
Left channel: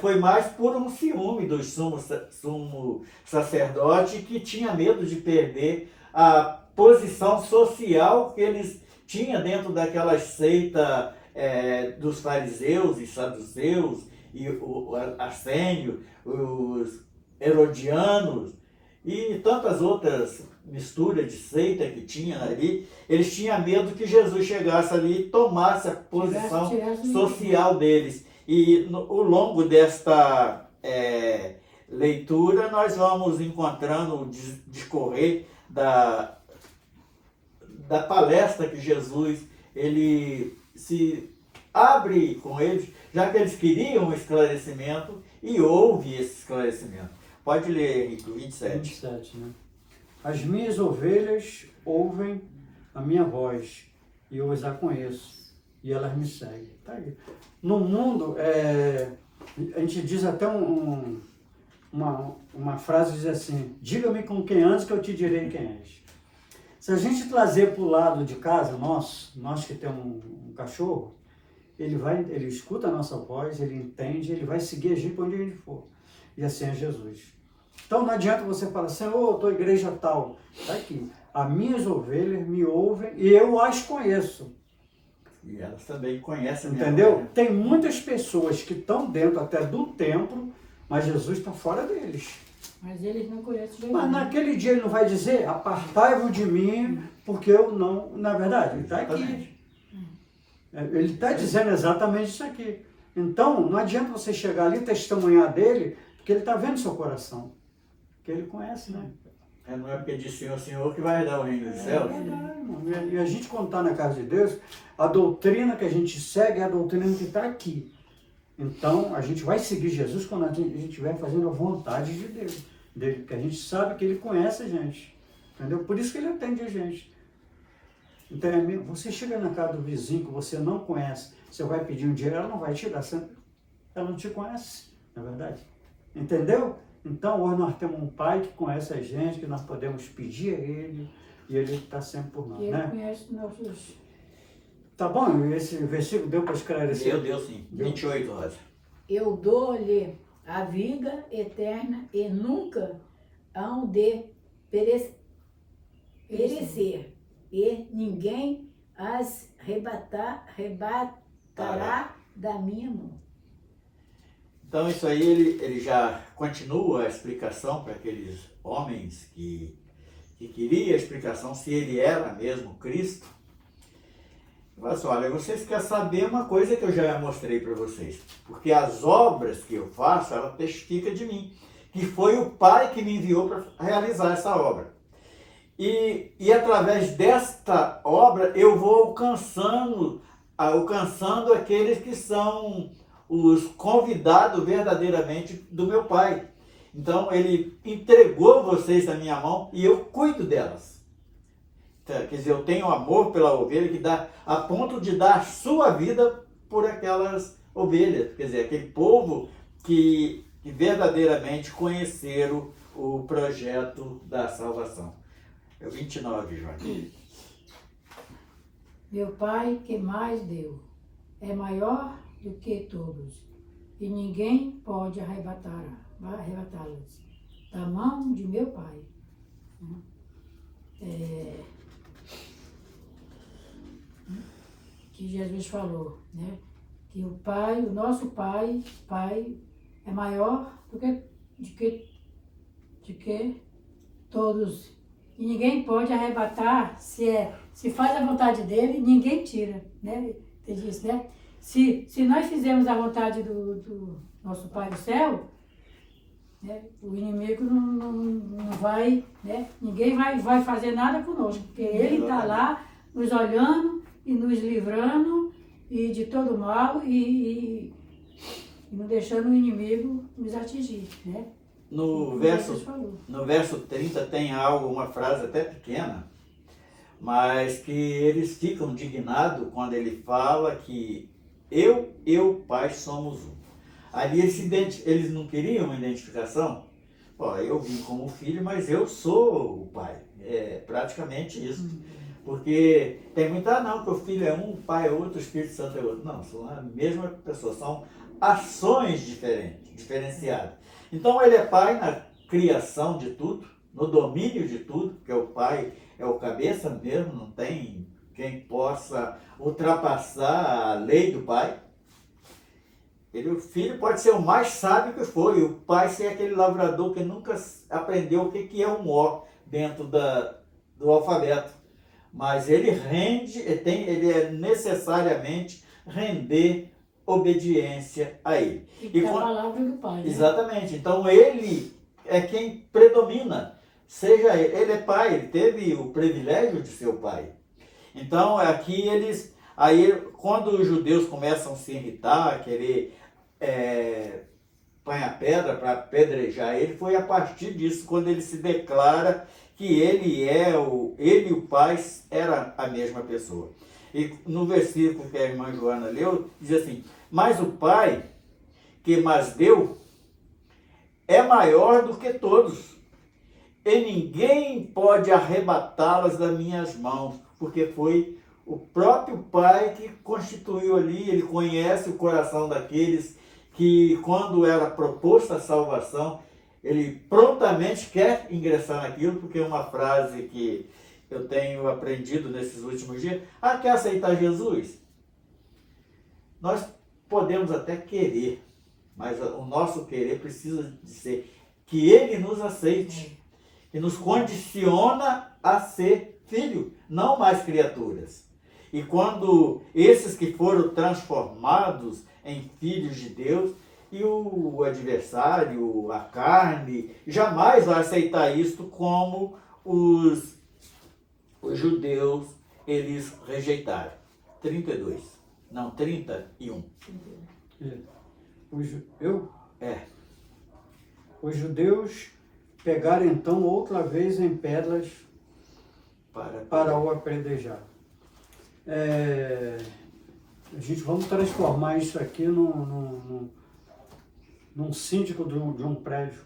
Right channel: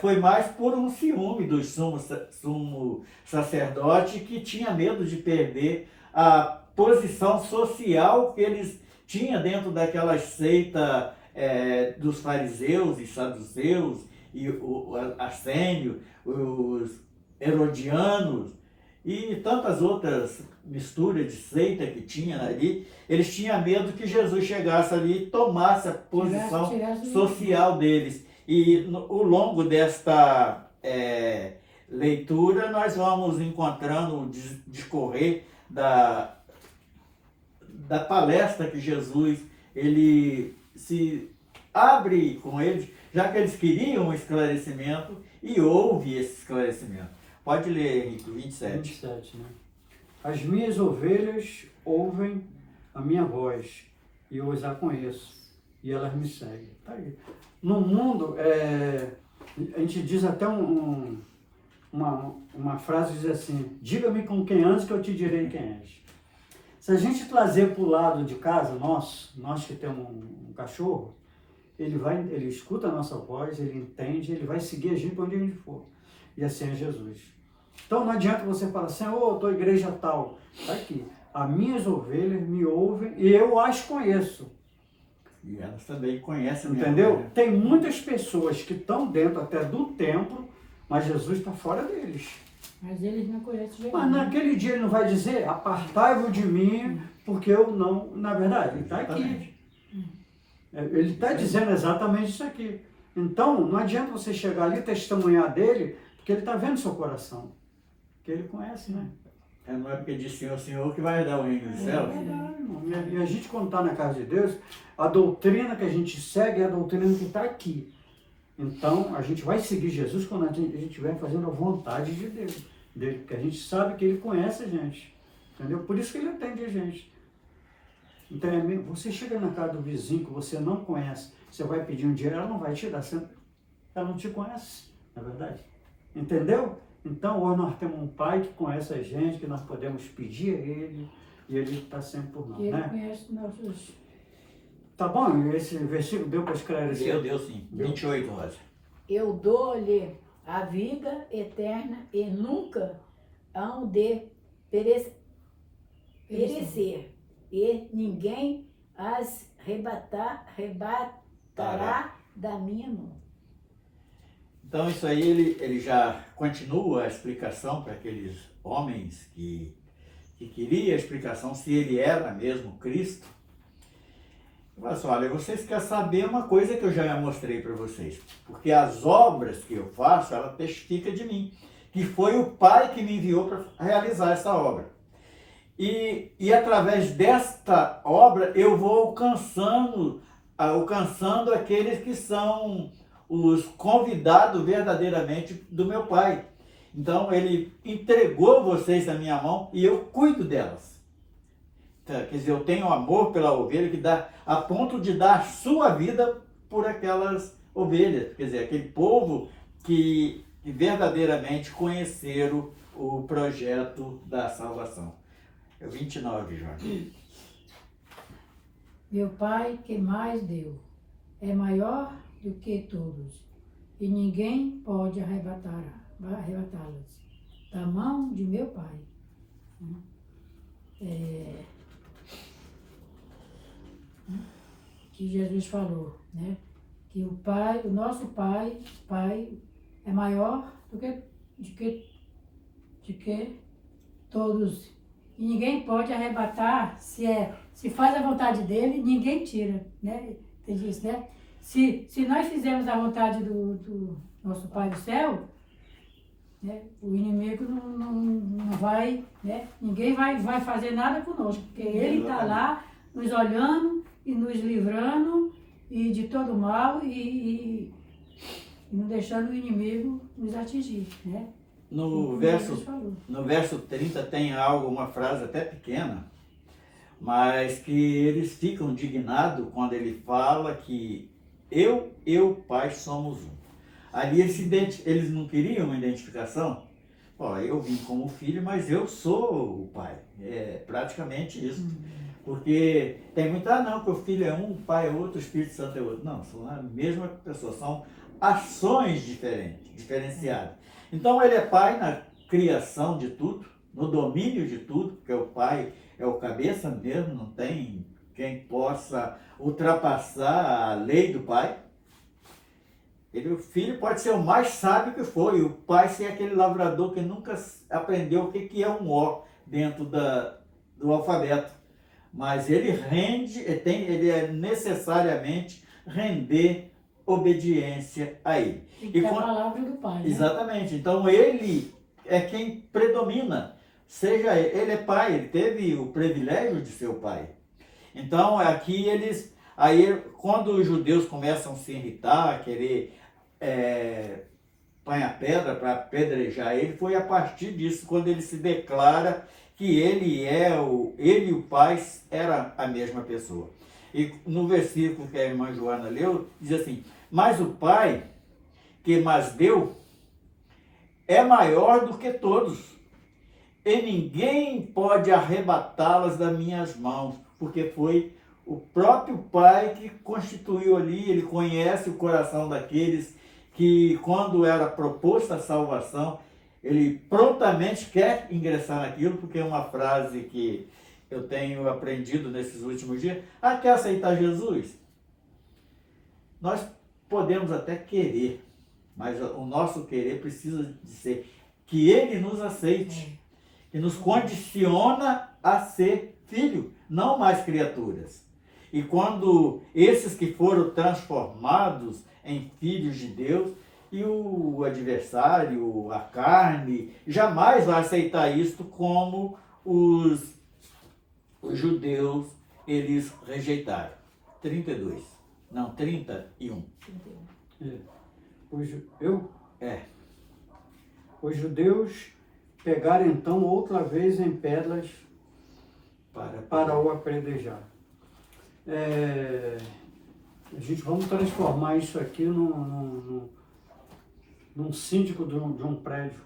foi mais por um ciúme do sumo sacerdote, que tinha medo de perder a posição social que eles tinham dentro daquela seita dos fariseus e saduceus, e o Arsênio, os herodianos, e tantas outras misturas de seita que tinha ali. Eles tinham medo que Jesus chegasse ali e tomasse a posição social deles. E ao longo desta leitura, nós vamos encontrando o discorrer da palestra que Jesus ele se abre com eles, já que eles queriam um esclarecimento, e houve esse esclarecimento. Pode ler, Henrique, 27. 27, né? As minhas ovelhas ouvem a minha voz, e eu as conheço, e elas me seguem. Tá aí. No mundo, a gente diz até uma frase que diz assim, diga-me com quem andas que eu te direi quem és. Se a gente trazer para o lado de casa, nós que temos um cachorro, ele escuta a nossa voz, ele entende, ele vai seguir a gente para onde a gente for. E assim é Jesus. Então não adianta você falar assim, eu estou igreja tal. Está aqui. As minhas ovelhas me ouvem e eu as conheço. E elas também conhecem. Entendeu? Tem muitas pessoas que estão dentro até do templo, mas Jesus está fora deles. Mas eles não conhecem Jesus. Mas naquele dia ele não vai dizer, apartai-vos de mim, porque eu não... Na verdade, ele está aqui. Ele está dizendo exatamente isso aqui. Então, não adianta você chegar ali e testemunhar dele, porque ele está vendo seu coração. Porque ele conhece, né? Não é porque diz Senhor que vai dar o reino dos céus. É verdade, irmão. E a gente, quando está na casa de Deus, a doutrina que a gente segue é a doutrina que está aqui. Então, a gente vai seguir Jesus quando a gente estiver fazendo a vontade de Deus, dele, porque a gente sabe que ele conhece a gente. Entendeu? Por isso que ele atende a gente. Então, você chega na casa do vizinho que você não conhece, você vai pedir um dinheiro, ela não vai te dar, ela não te conhece, na verdade. Entendeu? Então, hoje nós temos um Pai que conhece a gente, que nós podemos pedir a Ele, e Ele está sempre por nós, E Ele né? conhece nossos... Tá bom? E esse versículo deu para esclarecer? Deu sim. 28, Rosa. Eu dou-lhe a vida eterna e nunca hão de perecer, e ninguém as arrebatará da minha mão. Então isso aí ele já continua a explicação para aqueles homens que queriam a explicação se ele era mesmo Cristo. Ele fala assim, olha, vocês querem saber uma coisa que eu já mostrei para vocês, porque as obras que eu faço, ela testifica de mim, que foi o Pai que me enviou para realizar essa obra. E através desta obra eu vou alcançando aqueles que são os convidados verdadeiramente do meu Pai. Então ele entregou vocês na minha mão e eu cuido delas. Então, quer dizer, eu tenho amor pela ovelha que dá a ponto de dar a sua vida por aquelas ovelhas. Quer dizer, aquele povo que verdadeiramente conheceram o projeto da salvação. É o 29, Joaquim. Meu Pai que mais deu é maior do que todos, e ninguém pode arrebatá-las da mão de meu Pai. Que Jesus falou, né? Que o Pai, o nosso Pai é maior do que todos. E ninguém pode arrebatar, se faz a vontade dele, ninguém tira, né? Ele diz, né? Se nós fizermos a vontade do nosso Pai do céu, né? O inimigo não vai, né? Ninguém vai fazer nada conosco, porque ele está lá nos olhando e nos livrando e de todo mal e não deixando o inimigo nos atingir, né? No verso 30 tem uma frase até pequena, mas que eles ficam indignados quando ele fala que eu e o Pai somos um. Ali eles não queriam uma identificação. Ó, eu vim como filho, mas eu sou o Pai. É praticamente isso. Porque tem muita, não, que o filho é um, o Pai é outro, o Espírito Santo é outro. Não, são a mesma pessoa, são ações diferenciadas. Então ele é Pai na criação de tudo, no domínio de tudo, porque o Pai é o cabeça mesmo, não tem quem possa ultrapassar a lei do Pai. O filho pode ser o mais sábio que foi, o pai ser aquele lavrador que nunca aprendeu o que é um O dentro do alfabeto. Mas ele ele é necessariamente render obediência a ele. E a palavra do Pai, né? Exatamente. Então ele é quem predomina. Seja ele é pai, ele teve o privilégio de ser o pai. Então aqui quando os judeus começam a se irritar, a querer põe a pedra para apedrejar ele, foi a partir disso, quando ele se declara que ele e o Pai era a mesma pessoa. E no versículo que a irmã Joana leu, diz assim, mas o Pai que mais deu é maior do que todos, e ninguém pode arrebatá-las das minhas mãos, porque foi o próprio Pai que constituiu ali, ele conhece o coração daqueles que, quando era proposta a salvação, ele prontamente quer ingressar naquilo, porque é uma frase que eu tenho aprendido nesses últimos dias. Quer aceitar Jesus? Nós podemos até querer, mas o nosso querer precisa de ser que ele nos aceite, que nos condiciona a ser filho, não mais criaturas. E quando esses que foram transformados em filhos de Deus, e o adversário, a carne, jamais vai aceitar isto como os judeus, eles rejeitaram. 32. Não, 31. Os judeus pegaram então outra vez em pedras para o apedrejar. A gente vamos transformar isso aqui num síndico de um prédio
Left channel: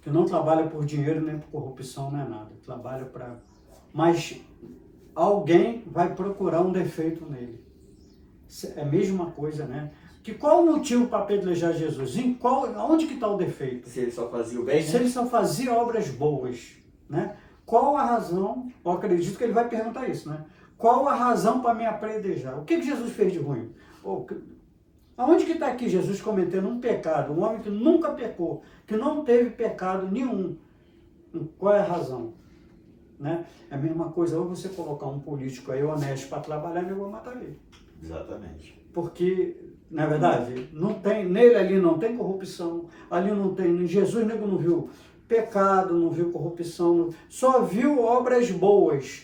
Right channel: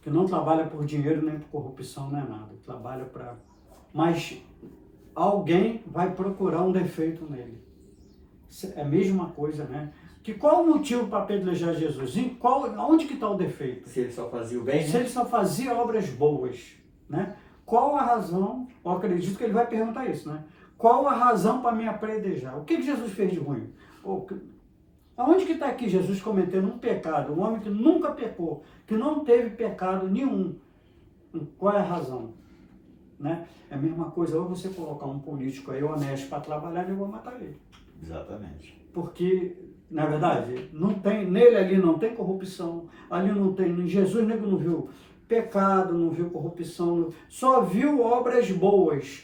que não trabalha por dinheiro nem por corrupção, nem nada. Trabalha para... Mas alguém vai procurar um defeito nele. É a mesma coisa, né? Qual o motivo para apedrejar Jesus? Onde que está o defeito? Se ele só fazia o bem, Se né? ele só fazia obras boas, né? Qual a razão? Eu acredito que ele vai perguntar isso, né? Qual a razão para me apedrejar? O que Jesus fez de ruim? Aonde que está aqui Jesus cometendo um pecado? Um homem que nunca pecou, que não teve pecado nenhum. Qual é a razão? Né? É a mesma coisa, ou você colocar um político aí honesto para trabalhar, eu vou matar ele. Exatamente. Porque, na verdade, nele ali não tem corrupção, ali não tem, Jesus não viu pecado, não viu corrupção, só viu obras boas,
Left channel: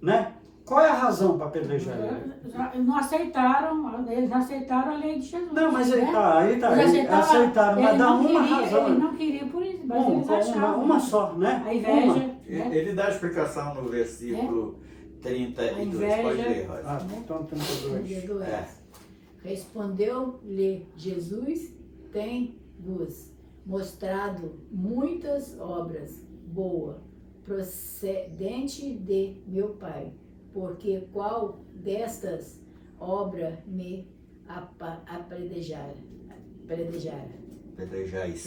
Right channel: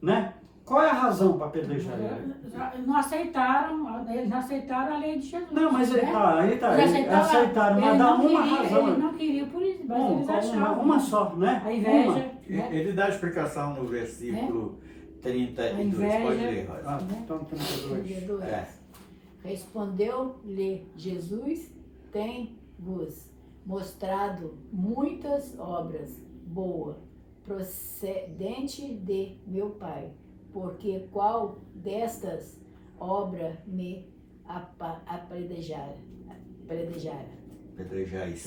né? Qual é a razão para apedrejar ele? Eles não aceitaram a lei de Jesus. Não, mas né? eles aceitaram, mas eles dá não uma queriam, razão. Eles não queriam por isso, mas eles achavam. Uma só, né? A inveja. Uma. Né? Ele dá a explicação no versículo 32. Pode ler, Rosa. Ah, então 32. 32. É. Respondeu-lhe Jesus: tem-vos mostrado muitas obras boas, procedente de meu Pai, porque qual destas obras me apedrejais? Apedrejais.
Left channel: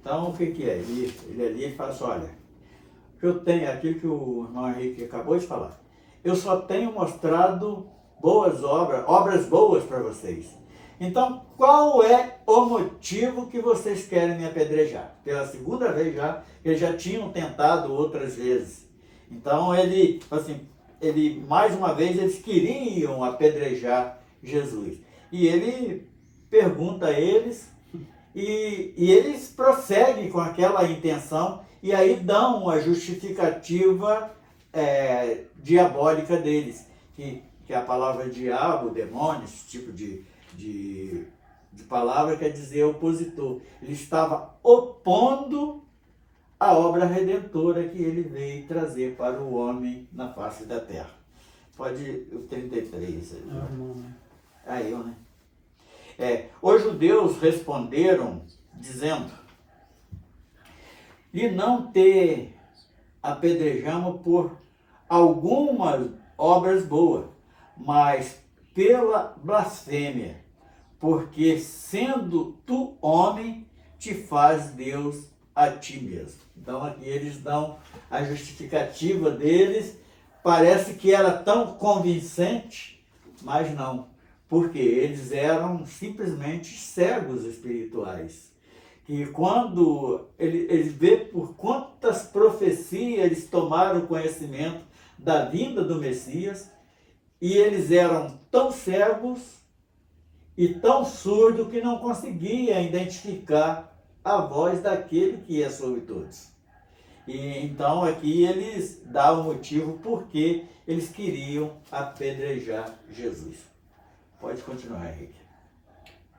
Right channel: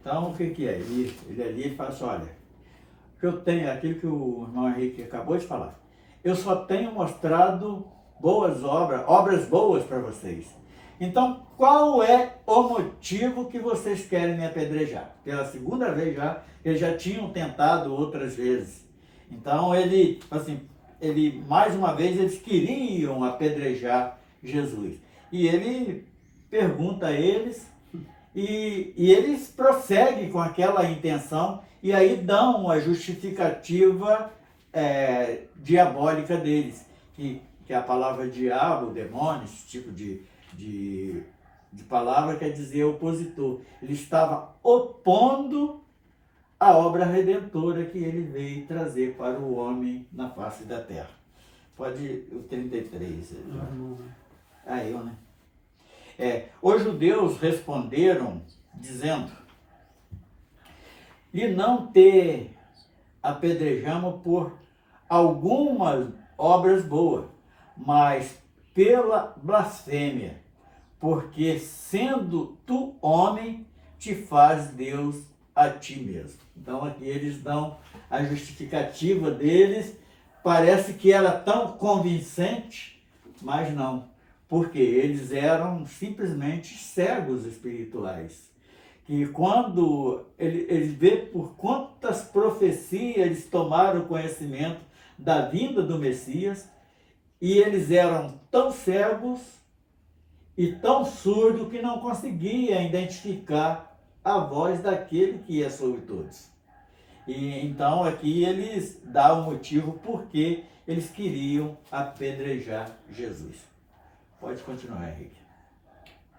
Então, o que é? Ele fala assim, olha, que eu tenho, aquilo que o irmão Henrique acabou de falar, eu só tenho mostrado boas obras boas para vocês. Então, qual é o motivo que vocês querem me apedrejar? Pela segunda vez já, eles já tinham tentado outras vezes. Então, mais uma vez, eles queriam apedrejar Jesus. E ele pergunta a eles, e eles prosseguem com aquela intenção, e aí dão a justificativa diabólica deles, que a palavra diabo, demônio, esse tipo de palavra quer dizer opositor. Ele estava opondo a obra redentora que ele veio trazer para o homem na face da terra. Pode o 33. Aí, né? Os judeus responderam, dizendo, e não te apedrejamos por algumas obras boas, mas pela blasfêmia, porque sendo tu homem, te faz Deus a ti mesmo. Então aqui eles dão a justificativa deles, parece que era tão convincente, mas não, porque eles eram simplesmente cegos espirituais. E quando ele vê por quantas profecias eles tomaram conhecimento da vinda do Messias, e eles eram tão cegos e tão surdos que não conseguiam identificar a voz daquele que é sobre todos. E então aqui eles dão o motivo porque eles queriam apedrejar Jesus. Pode continuar, Henrique.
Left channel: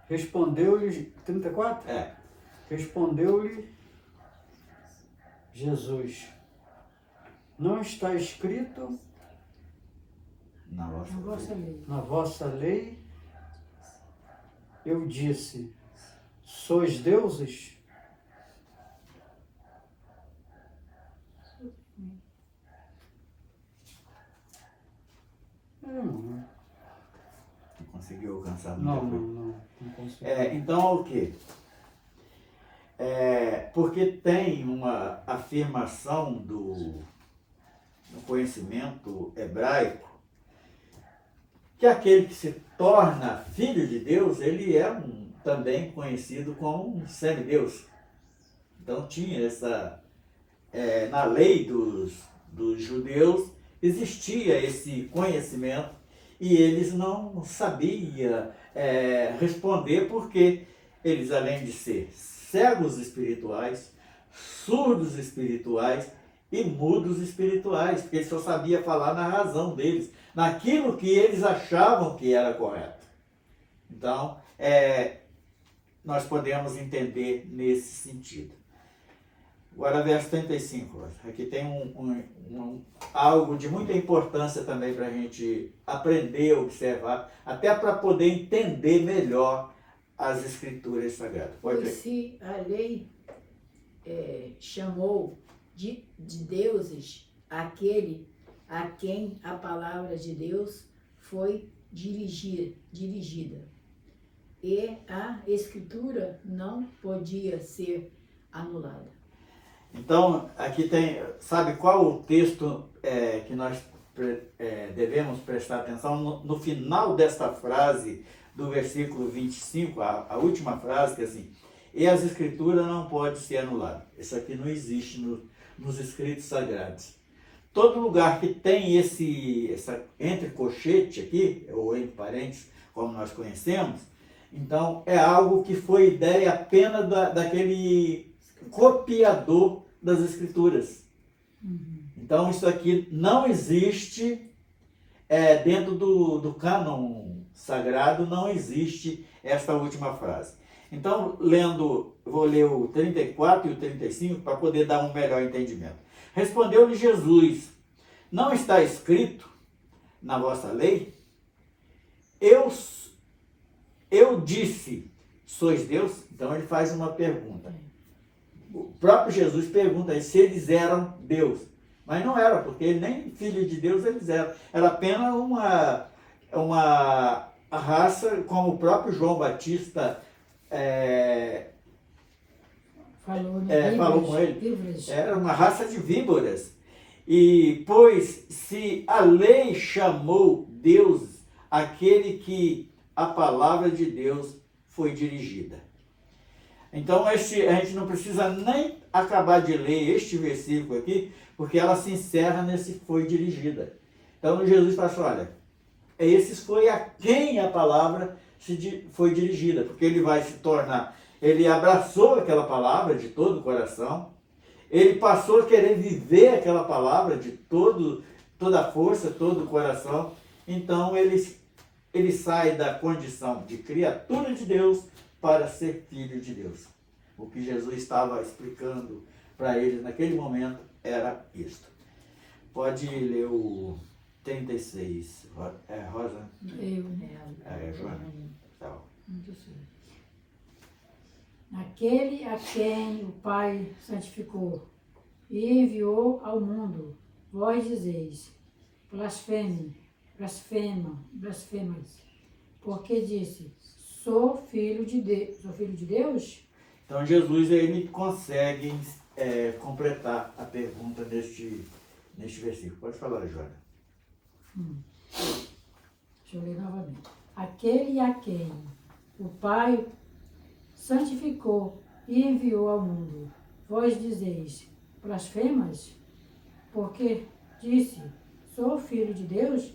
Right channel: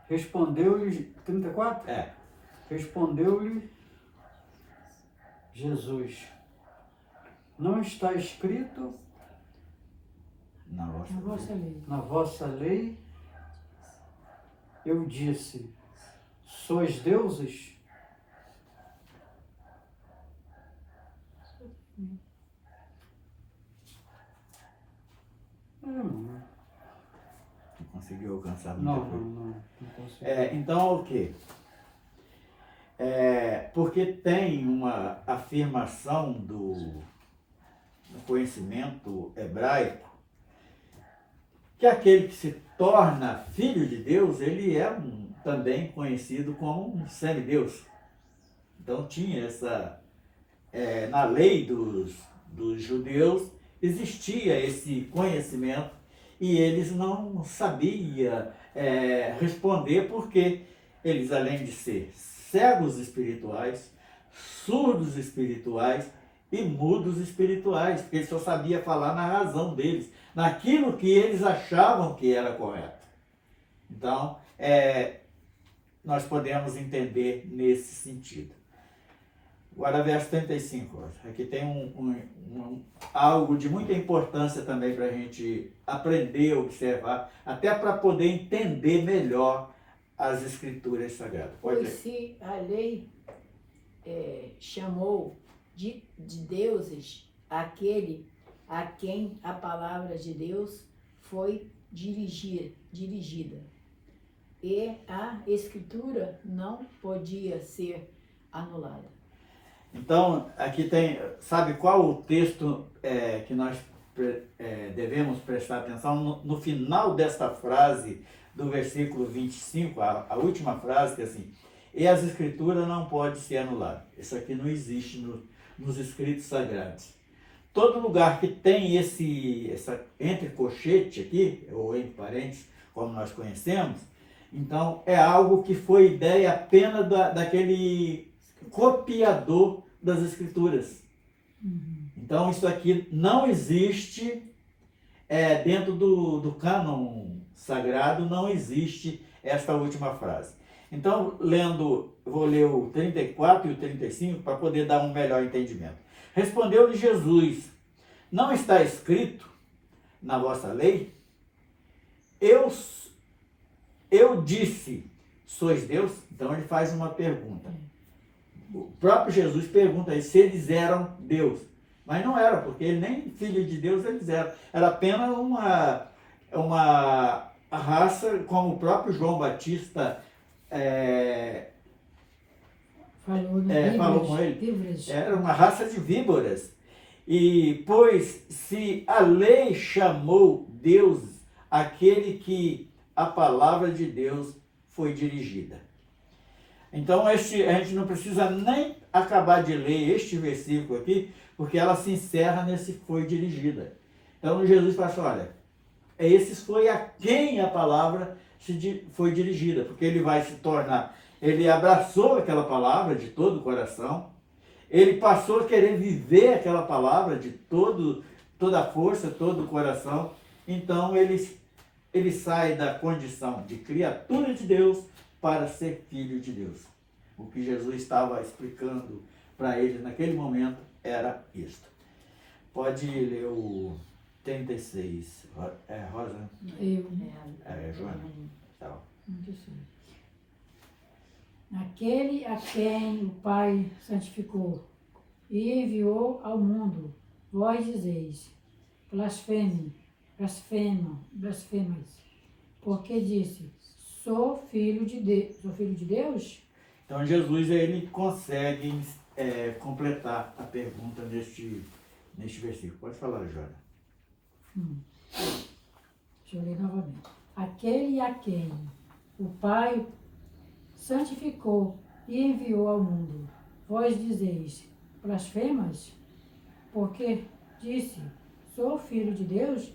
Respondeu-lhe, 34? Respondeu-lhe Jesus: não está escrito Na vossa lei, eu disse, sois deuses? Não conseguiu alcançar Não consigo. Então o quê? Porque tem uma afirmação do conhecimento hebraico que aquele que se torna filho de Deus, ele é também conhecido como um semideus. Então tinha na lei dos judeus, existia esse conhecimento e eles não sabiam responder porque eles, além de ser cegos espirituais, surdos espirituais e mudos espirituais, porque eles só sabiam falar na razão deles, naquilo que eles achavam que era correto. Então, nós podemos entender nesse sentido. Agora, verso 35. Aqui tem algo de muita importância também para a gente aprender, observar, até para poder entender melhor as Escrituras Sagradas. Pode Pois ler. se a lei chamou de deuses aquele a quem a palavra de Deus foi dirigida, e a Escritura não podia ser anulada. Então, aqui tem, sabe qual o texto que nós devemos prestar atenção? No final desta frase, do versículo 25, a última frase, que é assim, e as Escrituras não podem ser anuladas. Isso aqui não existe nos escritos sagrados. Todo lugar que tem essa entre colchete aqui, ou entre parênteses, como nós conhecemos, então é algo que foi ideia apenas daquele copiador das Escrituras. Então isso aqui não existe dentro do cânon sagrado, não existe esta última frase. Então, vou ler o 34 e o 35 para poder dar um melhor entendimento. Respondeu-lhe Jesus, não está escrito na vossa lei? Eu disse, sois Deus? Então ele faz uma pergunta. O próprio Jesus pergunta se eles eram Deus. Mas não era, porque ele nem filho de Deus eles eram. Era apenas uma raça, como o próprio João Batista falou com ele. Víboras. Era uma raça de víboras. E, pois, se a lei chamou Deus aquele que a palavra de Deus foi dirigida. Então, a gente não precisa nem acabar de ler este versículo aqui, porque ela se encerra nesse foi dirigida. Então, Jesus fala assim, olha, esse foi a quem a palavra foi dirigida, porque ele vai se tornar, ele abraçou aquela palavra de todo o coração, ele passou a querer viver aquela palavra de toda a força, todo o coração, então ele sai da condição de criatura de Deus para ser filho de Deus. O que Jesus estava explicando para eles naquele momento era isto. Pode ler o 36, Rosa? Joana. Tá. Aquele a quem o Pai santificou e enviou ao mundo, vós dizeis, blasfemas, porque disse, sou filho de Deus? Então Jesus ele consegue completar a pergunta neste versículo. Pode falar, Joana. Deixa eu ler novamente. Aquele a quem o Pai santificou e enviou ao mundo, vós dizeis, blasfemas, porque disse, sou filho de Deus?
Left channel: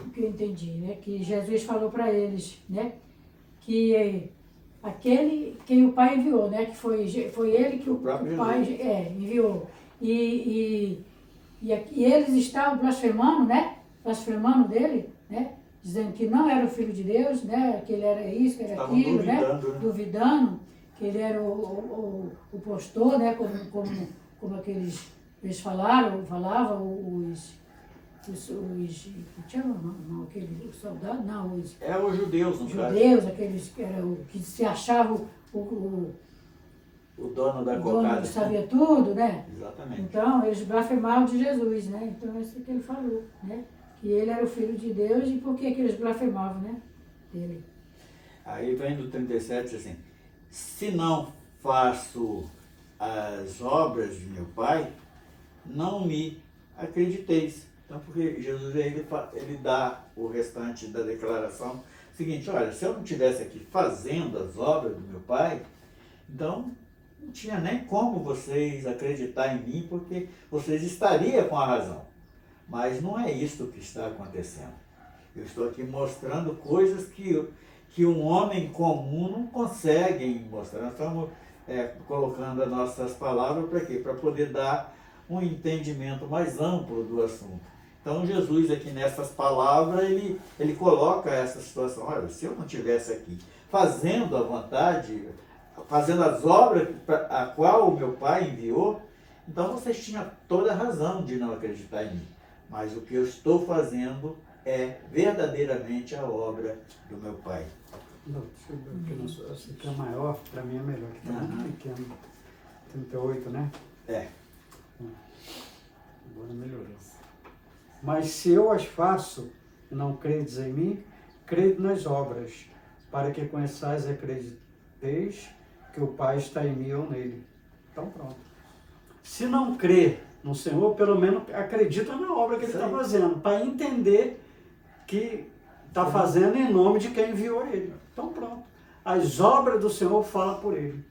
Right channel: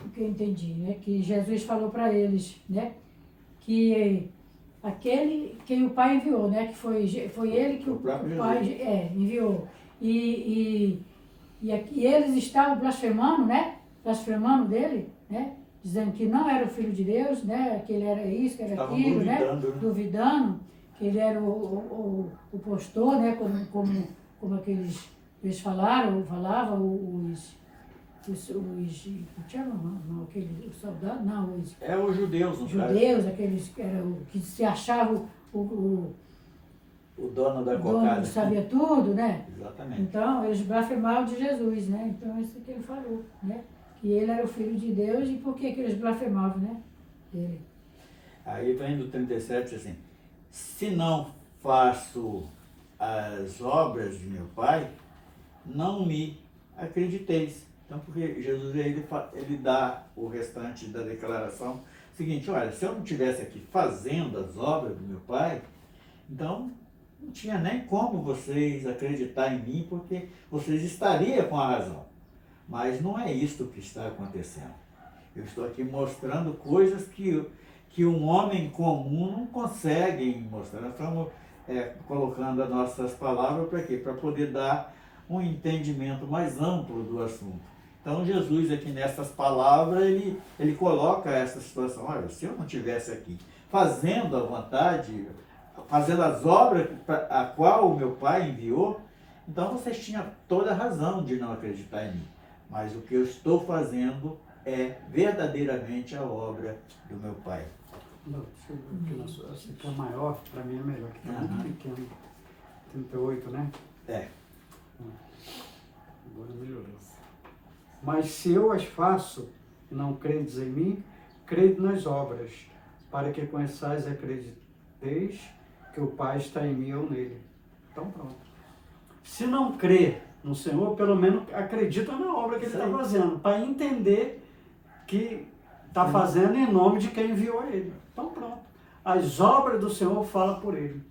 O que eu entendi, né? Que Jesus falou para eles, né? Que aquele quem o Pai enviou, né? Que foi ele que o Pai enviou. E eles estavam blasfemando, né? Blasfemando dele, né? Dizendo que não era o Filho de Deus, né? Que ele era isso, que era Estavam aquilo, duvidando, né? Duvidando, que ele era o postor, né? Como aqueles, eles falavam aqueles soldados, não, os judeus, no caso. judeus, aqueles que se achavam o dono da dono cocada. que sabia tudo, né? Exatamente. Então, eles blasfemavam de Jesus, né? Então, isso que ele falou, né? Que ele era o Filho de Deus e por que eles blasfemavam, né? Ele. Aí vem do 37 assim, se não faço as obras de meu Pai, não me acrediteis. Então, porque Jesus ele dá o restante da declaração seguinte, olha, se eu não estivesse aqui fazendo as obras do meu Pai, então não tinha nem como vocês acreditar em mim, porque vocês estariam com a razão. Mas não é isso que está acontecendo. Eu estou aqui mostrando coisas que um homem comum não consegue mostrar. Nós estamos colocando as nossas palavras para quê? Para poder dar um entendimento mais amplo do assunto. Então Jesus aqui nessas palavras, ele coloca essa situação. Olha, se eu não estivesse aqui fazendo a vontade, fazendo as obras a qual o meu Pai enviou, então vocês tinham toda a razão de não acreditar em mim. Mas o que eu estou fazendo é verdadeiramente a obra do meu Pai. Não, deixa eu ver aqui, esse aqui é maior, para mim é melhor, que está muito pequeno. 38, né? É. Agora melhorou. Mas se eu as faço e não credes em mim, crede nas obras, para que conheçais e acrediteis que o Pai está em mim e eu nele. Então pronto. Se não crê no Senhor, pelo menos acredita na obra que ele está fazendo, para entender que está fazendo em nome de quem enviou ele. Então pronto. As obras do Senhor falam por ele.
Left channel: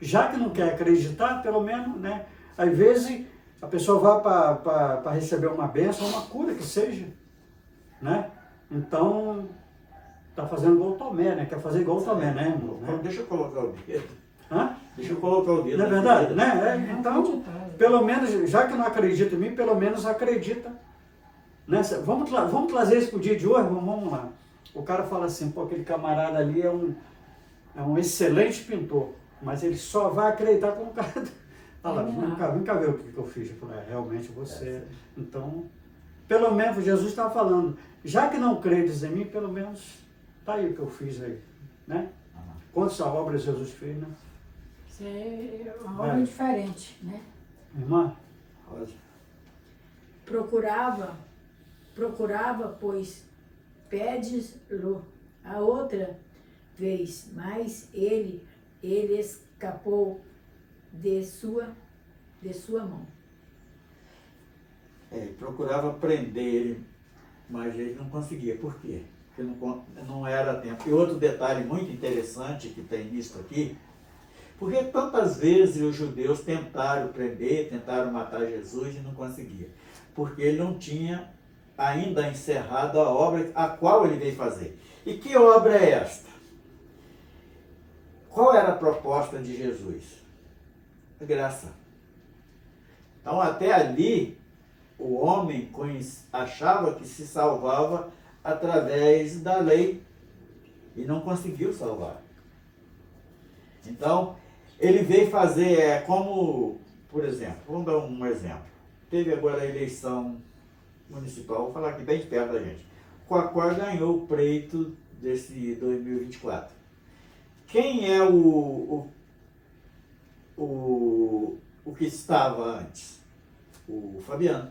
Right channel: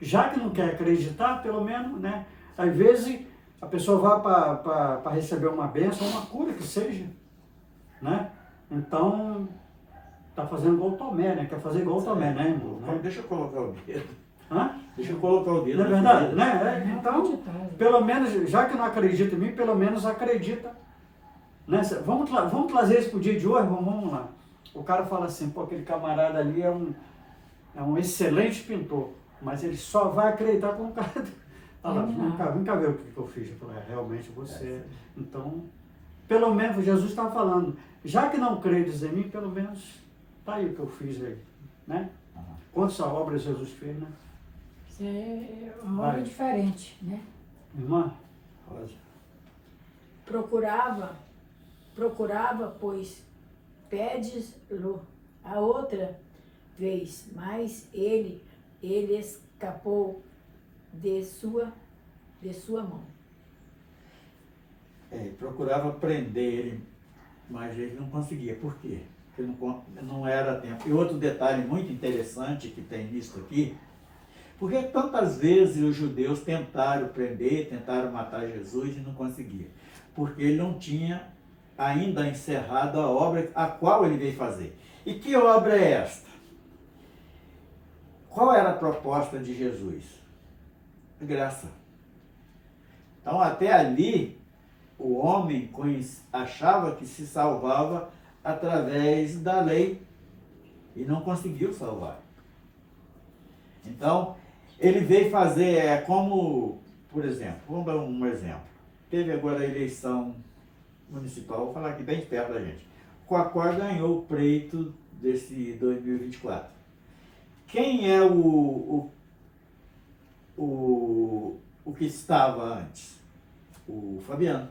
Já que não quer acreditar, pelo menos, né? Às vezes a pessoa vai para receber uma bênção, uma cura que seja, né? Então, está fazendo igual o Tomé, né? Quer fazer igual o Tomé, né, irmão? Então, deixa eu colocar o dedo. Hã? Deixa eu colocar o dedo. Não é verdade, dedo. né? Então, pelo menos, já que não acredita em mim, pelo menos acredita. Né? Vamos trazer isso para o dia de hoje? Vamos lá. O cara fala assim, pô, aquele camarada ali é um excelente pintor, mas ele só vai acreditar com o cara... Olha lá, vem cá ver o que eu fiz. Eu falei, realmente você... Então, pelo menos, Jesus estava falando, já que não credes em mim, pelo menos, tá aí o que eu fiz aí, né? Quantas obras Jesus fez, né? Isso é uma obra diferente, né? Irmã? Procurava, pois pedes-lo a outra vez, mas ele escapou de sua mão. Procurava prender ele, mas ele não conseguia. Por quê? Porque não era tempo. E outro detalhe muito interessante que tem nisso aqui, porque tantas vezes os judeus tentaram prender, tentaram matar Jesus e não conseguia. Porque ele não tinha ainda encerrado a obra a qual ele veio fazer. E que obra é esta? Qual era a proposta de Jesus? A graça. Então, até ali, o homem achava que se salvava através da lei e não conseguiu salvar. Então, ele veio fazer, como, por exemplo, vamos dar um exemplo. Teve agora a eleição municipal, vou falar aqui bem perto da gente. O Coacor ganhou o pleito desse 2024. Quem é o que estava antes? O Fabiano.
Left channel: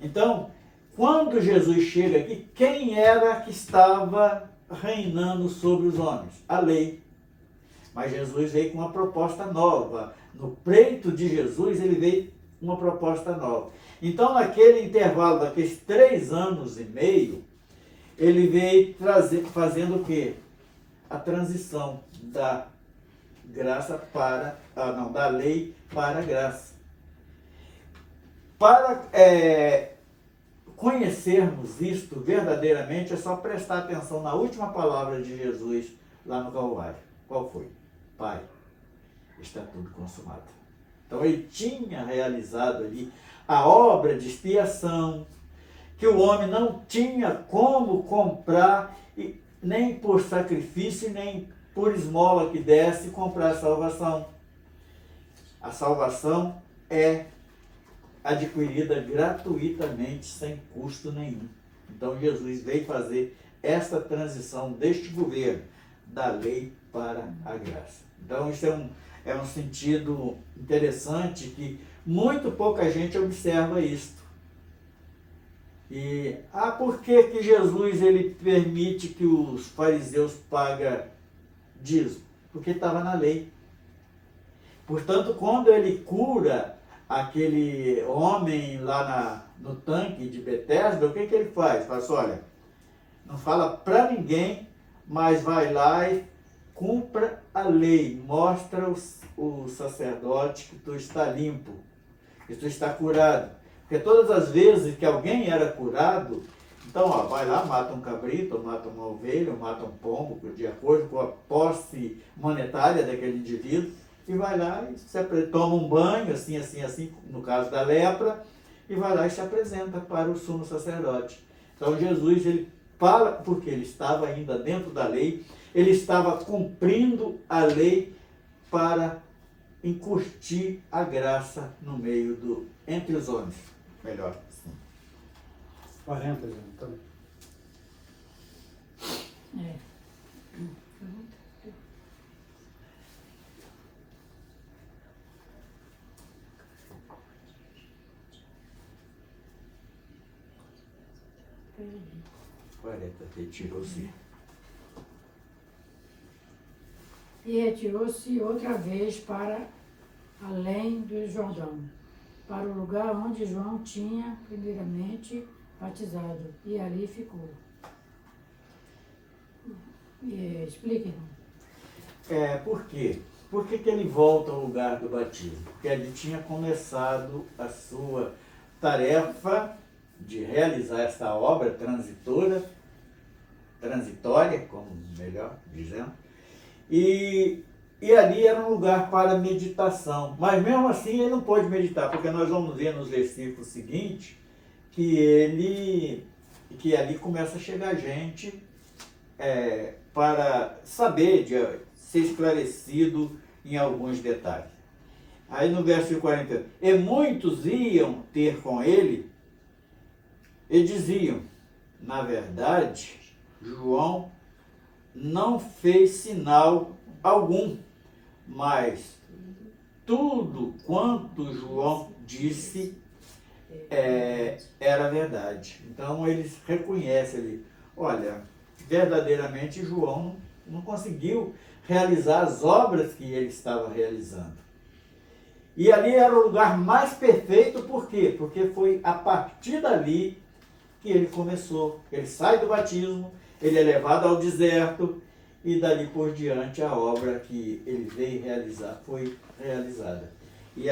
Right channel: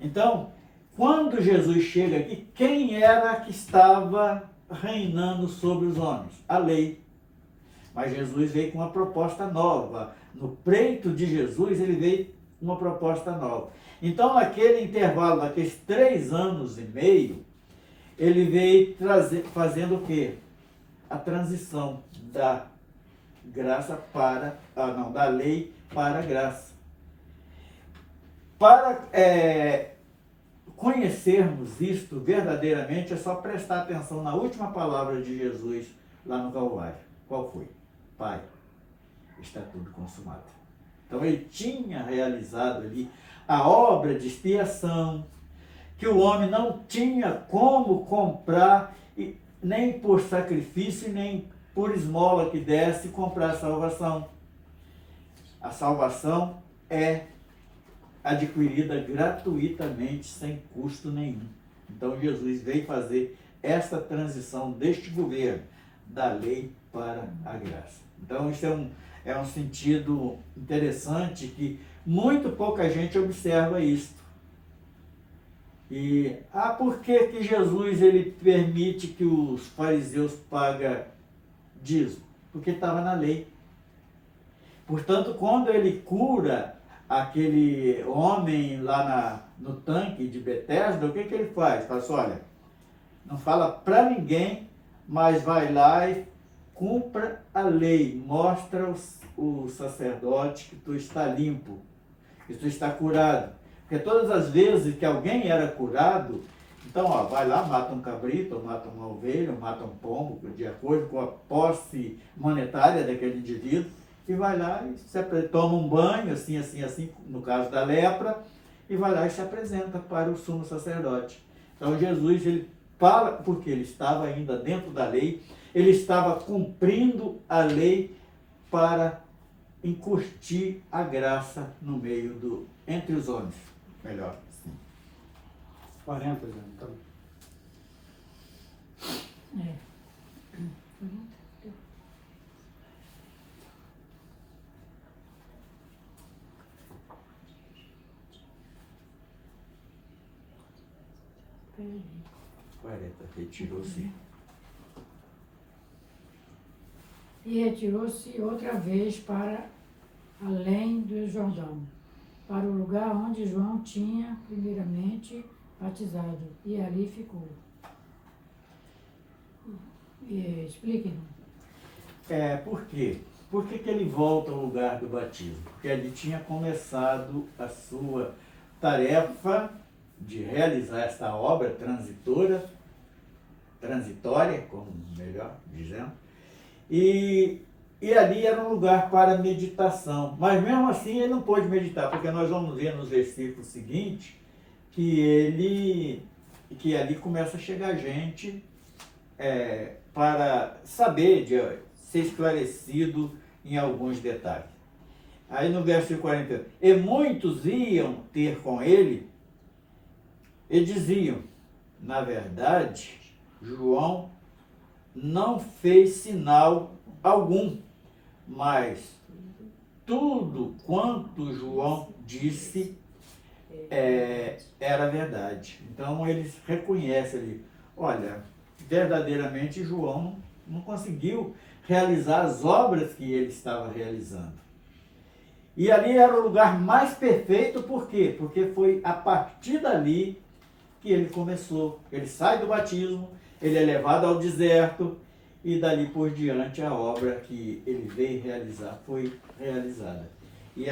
Então, quando Jesus chega aqui, quem era que estava reinando sobre os homens? A lei. Mas Jesus veio com uma proposta nova. No pleito de Jesus, ele veio com uma proposta nova. Então, naquele intervalo, daqueles 3 anos e meio, ele veio fazendo o quê? A transição da graça da lei para a graça. Para conhecermos isto verdadeiramente, é só prestar atenção na última palavra de Jesus lá no Calvário. Qual foi? Pai, está tudo consumado. Então ele tinha realizado ali a obra de expiação, que o homem não tinha como comprar, nem por sacrifício, nem por esmola que desse, comprar a salvação. A salvação é adquirida gratuitamente, sem custo nenhum. Então Jesus veio fazer essa transição deste governo, da lei para a graça. Então isso é um sentido interessante que muito pouca gente observa isso. E por que Jesus ele permite que os fariseus paguem dízimo? Porque estava na lei. Portanto, quando ele cura aquele homem lá no tanque de Betesda, o que ele faz? Fala assim, olha, não fala para ninguém, mas vai lá e cumpra a lei, mostra o sacerdote que tu está limpo, que tu está curado. Porque todas as vezes que alguém era curado, então vai lá, mata um cabrito, mata uma ovelha, mata um pombo, de acordo com a posse monetária daquele indivíduo, e vai lá e toma um banho, assim, no caso da lepra, e vai lá e se apresenta para o sumo sacerdote. Então Jesus, ele fala, porque ele estava ainda dentro da lei, ele estava cumprindo a lei para incurtir a graça no meio entre os homens. Melhor, sim. 40 anos, então. É. Perdi. 40, retirou-se. E retirou-se outra vez para além do Jordão, para o lugar onde João tinha primeiramente batizado, e ali ficou. Explique-nos. Por quê? Por que ele volta ao lugar do batismo? Porque ele tinha começado a sua tarefa de realizar essa obra transitória, como melhor dizendo, e ali era um lugar para meditação. Mas mesmo assim ele não pôde meditar, porque nós vamos ver nos versículos seguintes que ali começa a chegar gente para saber, de ser esclarecido em alguns detalhes. Aí no versículo 40, e muitos iam ter com ele e diziam, na verdade, João não fez sinal algum, mas tudo quanto João disse era verdade. Então eles reconhecem ali, olha, verdadeiramente João não conseguiu realizar as obras que ele estava realizando. E ali era o lugar mais perfeito, por quê? Porque foi a partir dali que ele começou. Ele sai do batismo, ele é levado ao deserto e dali por diante a obra que ele veio realizar foi realizada. E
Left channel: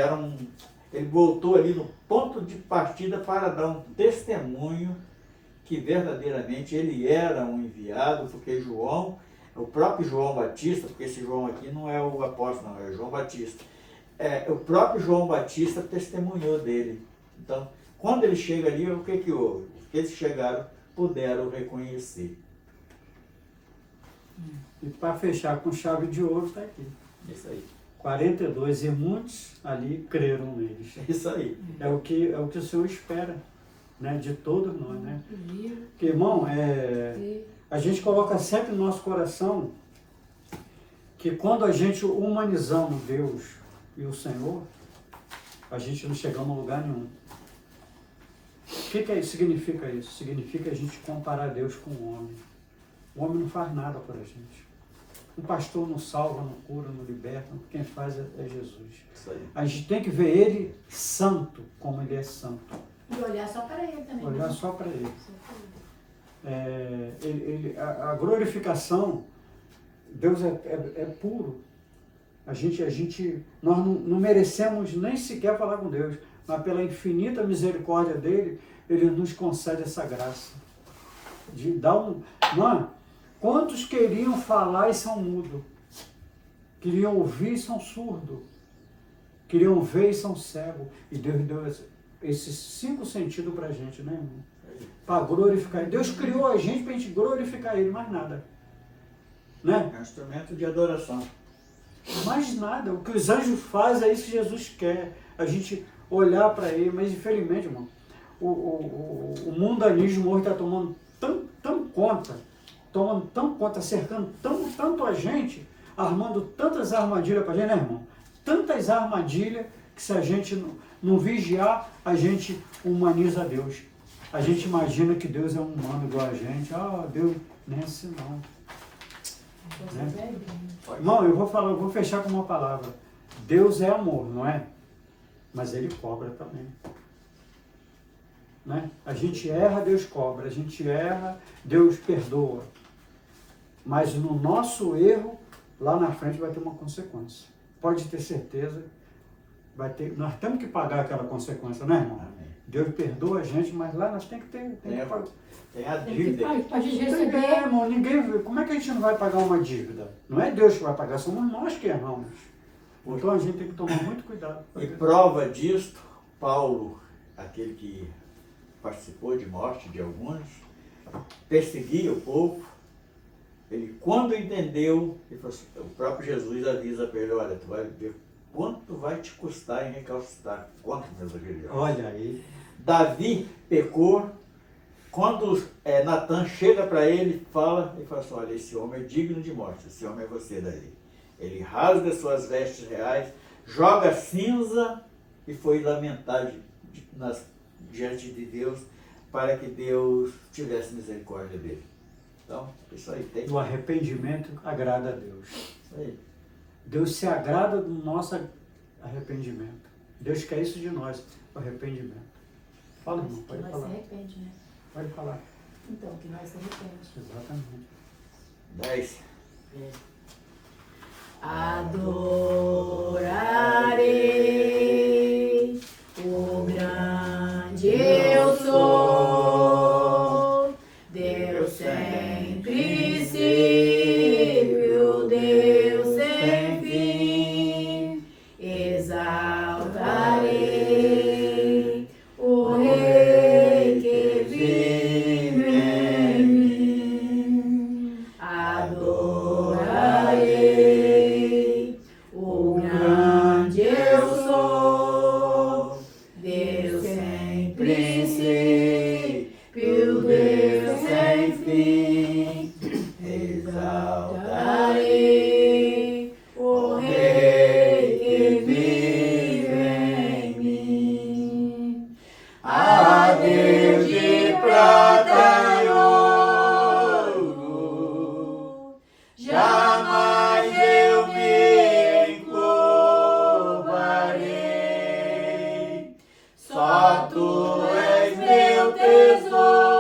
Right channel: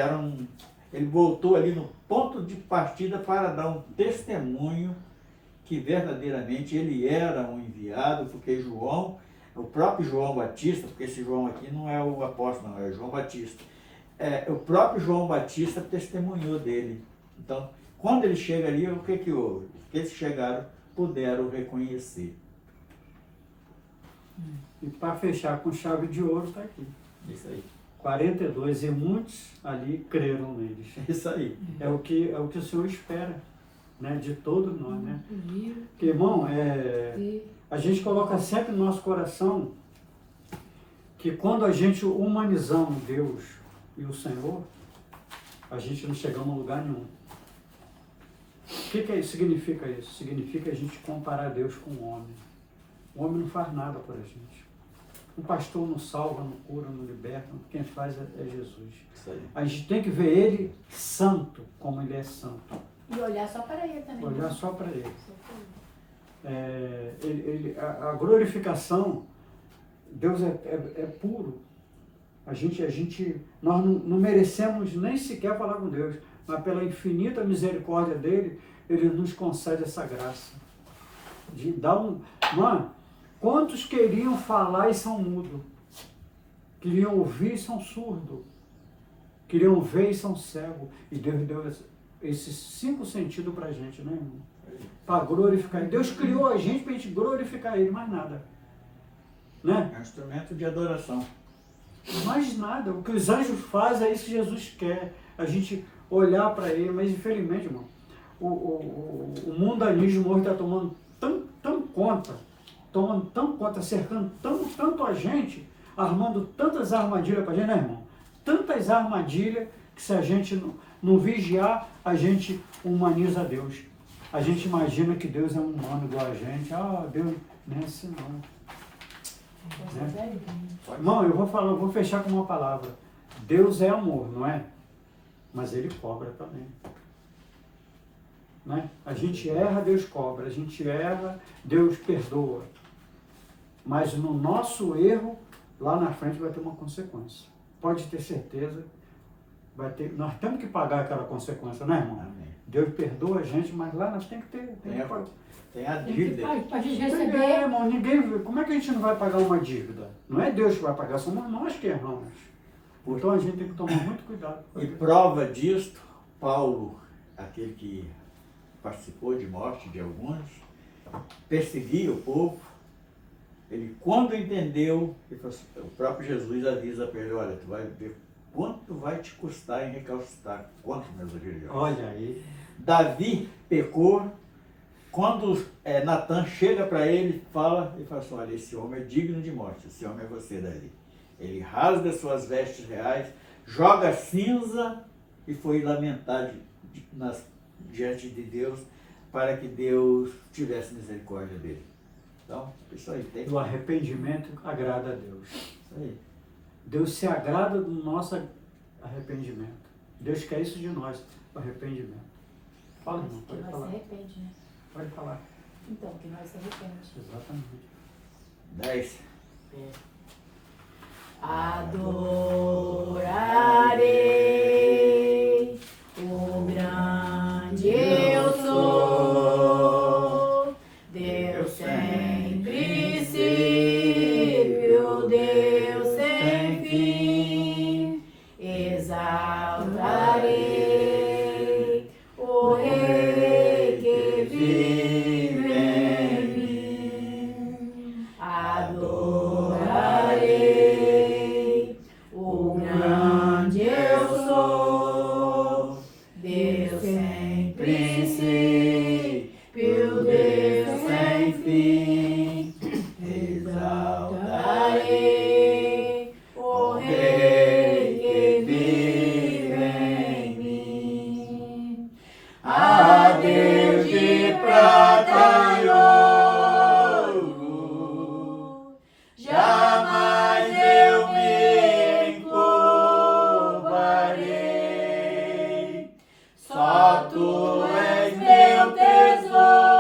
ele voltou ali no ponto de partida para dar um testemunho que verdadeiramente ele era um enviado, porque João, o próprio João Batista, porque esse João aqui não é o apóstolo, não, é João Batista. O próprio João Batista testemunhou dele. Então, quando ele chega ali, o que houve? Eles chegaram, puderam reconhecer. E para fechar com chave de ouro, está aqui. Isso aí. 42, e muitos ali creram neles. Isso aí. É o que o Senhor espera, né, de todos nós, né? Livro, Porque, irmão, e a gente coloca sempre no nosso coração que quando a gente humanizamos Deus e o Senhor, a gente não chegamos a lugar nenhum. O que significa isso? Significa a gente comparar Deus com o homem. O homem não faz nada por a gente. O pastor não salva, não cura, não liberta. Quem faz é Jesus. Isso aí. A gente tem que ver ele santo, como ele é santo. E olhar só para ele também. Olhar né? só para ele. Só para ele. A glorificação, Deus é puro. Nós não merecemos nem sequer falar com Deus, mas pela infinita misericórdia dele, ele nos concede essa graça. De dar Mano, quantos queriam falar e são mudos? Queriam ouvir e são surdos? Queriam ver e são cegos? E Deus deu esses 5 sentidos pra gente, né, irmão? Para glorificar. Deus criou a gente para a gente glorificar ele, mais nada. Né? É um instrumento de adoração. Mais nada. O que os anjos fazem é isso que Jesus quer. A gente olhar para ele. Mas, infelizmente, irmão, o mundanismo hoje está tomando tão conta, cercando tanto a gente, armando tantas armadilhas para a gente, né, irmão? Tantas armadilhas que se a gente não vigiar, a gente humaniza Deus. A gente imagina que Deus é um humano igual a gente. Ah, Deus não é assim não. Né? Irmão, eu vou fechar com uma palavra. Deus é amor, não é? Mas ele cobra também. Né? A gente erra, Deus cobra. A gente erra, Deus perdoa. Mas no nosso erro, lá na frente vai ter uma consequência. Pode ter certeza, nós temos que pagar aquela consequência, né, irmão? Amém. Deus perdoa a gente, mas lá nós temos que pagar. Tem a tem que dívida. para a gente Tem, receber. irmão, como é que a gente não vai pagar uma dívida? Não é Deus que vai pagar, somos nós que erramos. Então a gente tem que tomar muito cuidado. E prova disto, Paulo, aquele que participou de morte de alguns, perseguia o povo. Ele, quando entendeu, ele falou assim, o próprio Jesus avisa para ele, olha, tu vai ver quanto vai te custar em recalcitrar. Quanto, meus queridos? Olha aí. Davi pecou, Quando Natan chega para ele fala assim, olha, esse homem é digno de morte, esse homem é você daí. Ele rasga suas vestes reais, joga cinza e foi lamentar diante de Deus para que Deus tivesse misericórdia dele. Então, isso aí tem. O arrependimento agrada a Deus. Isso aí. Deus se agrada do nosso arrependimento. Deus quer isso de nós, o arrependimento. Fala, irmão, pode Nós falar. se arrepende, né? Pode falar. Então, que nós se arrepende. Exatamente. 10. Adorarei o grande eu sou, Deus sem princípio, Deus sem fim, exaltarei o Rei que vive em mim, adorarei o grande eu sou, Deus sem princípio, Deus sem fim, exaltarei o Rei que vive em mim. A Deus de prata e ouro, jamais eu me encurvarei. Só tu és meu tesouro,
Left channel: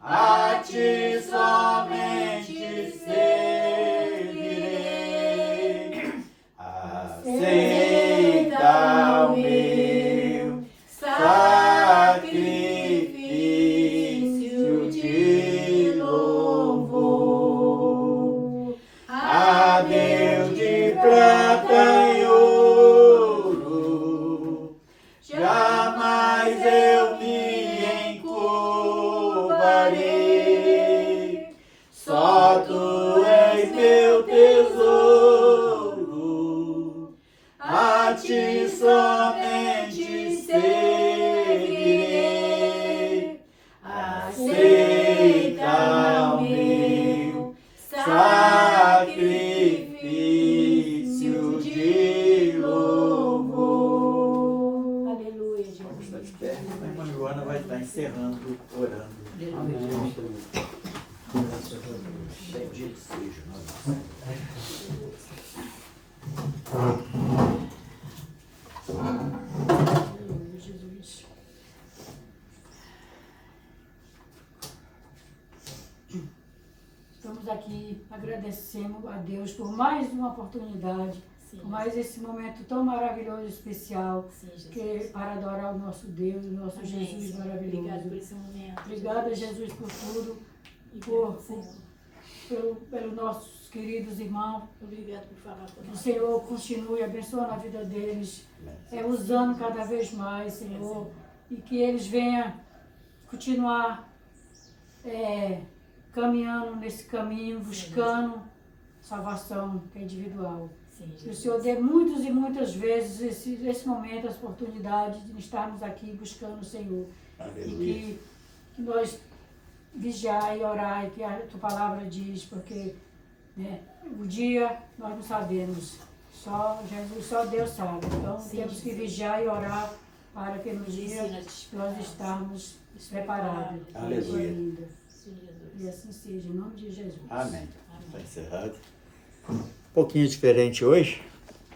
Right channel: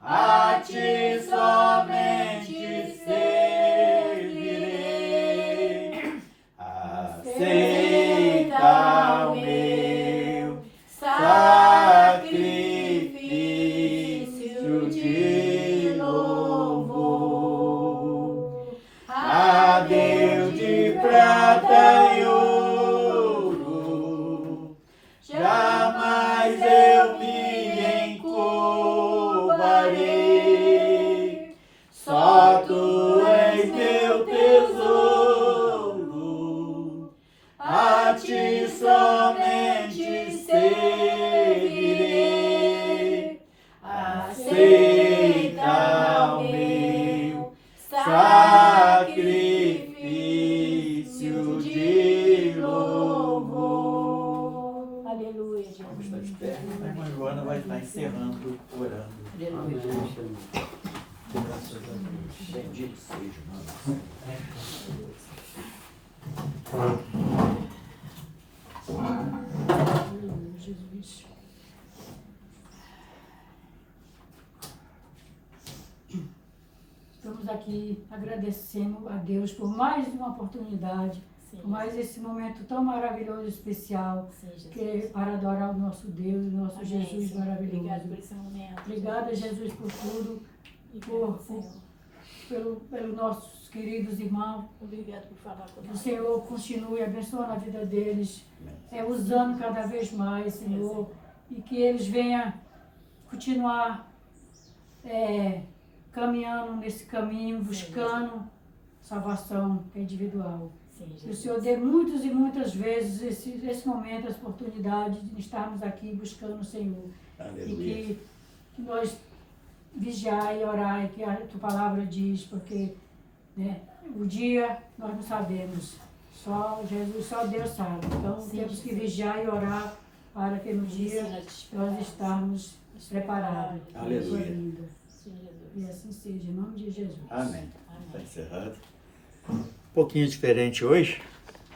a ti somente servirei. Aceita o meu sacrifício de louvor. A Deus de prata e ouro, jamais eu me encurvarei. Só tu és meu tesouro, a ti somente servirei. Aceita o meu sacrifício de louvor. Aleluia, Vamos estar de Jesus. pé. A irmã Joana vai estar encerrando, orando. Amém, Senhor. Graças a Deus. Bendito seja o nome do Senhor. Aleluia, Jesus. Estamos aqui agradecendo a Deus por mais uma oportunidade, por mais esse momento tão maravilhoso e especial, que para adorar o nosso Deus, o nosso Amém, Jesus Senhor. Obrigado por maravilhoso. esse momento. Obrigada, Jesus, por tudo, Obrigado, Senhor. pelos nossos queridos irmãos. Obrigado por falar Que o conosco. Senhor continue abençoando a vida deles, usando cada vez mais, Senhor, e que eles venham continuar caminhando nesse caminho, buscando salvação que é individual. Sim, Que o Jesus. Senhor dê muitas e muitas vezes esse momento, essa oportunidade de estarmos aqui buscando o Senhor. Aleluia. E que nós vigiar e orar, e que a tua palavra diz, porque o dia nós não sabemos, só Jesus, só Deus sabe. Então temos que vigiar e orar para que no dia nós estarmos preparados. Aleluia. Linda. Sim, Jesus. E assim seja, em nome de Jesus. Amém. Está encerrado. Um pouquinho diferente hoje.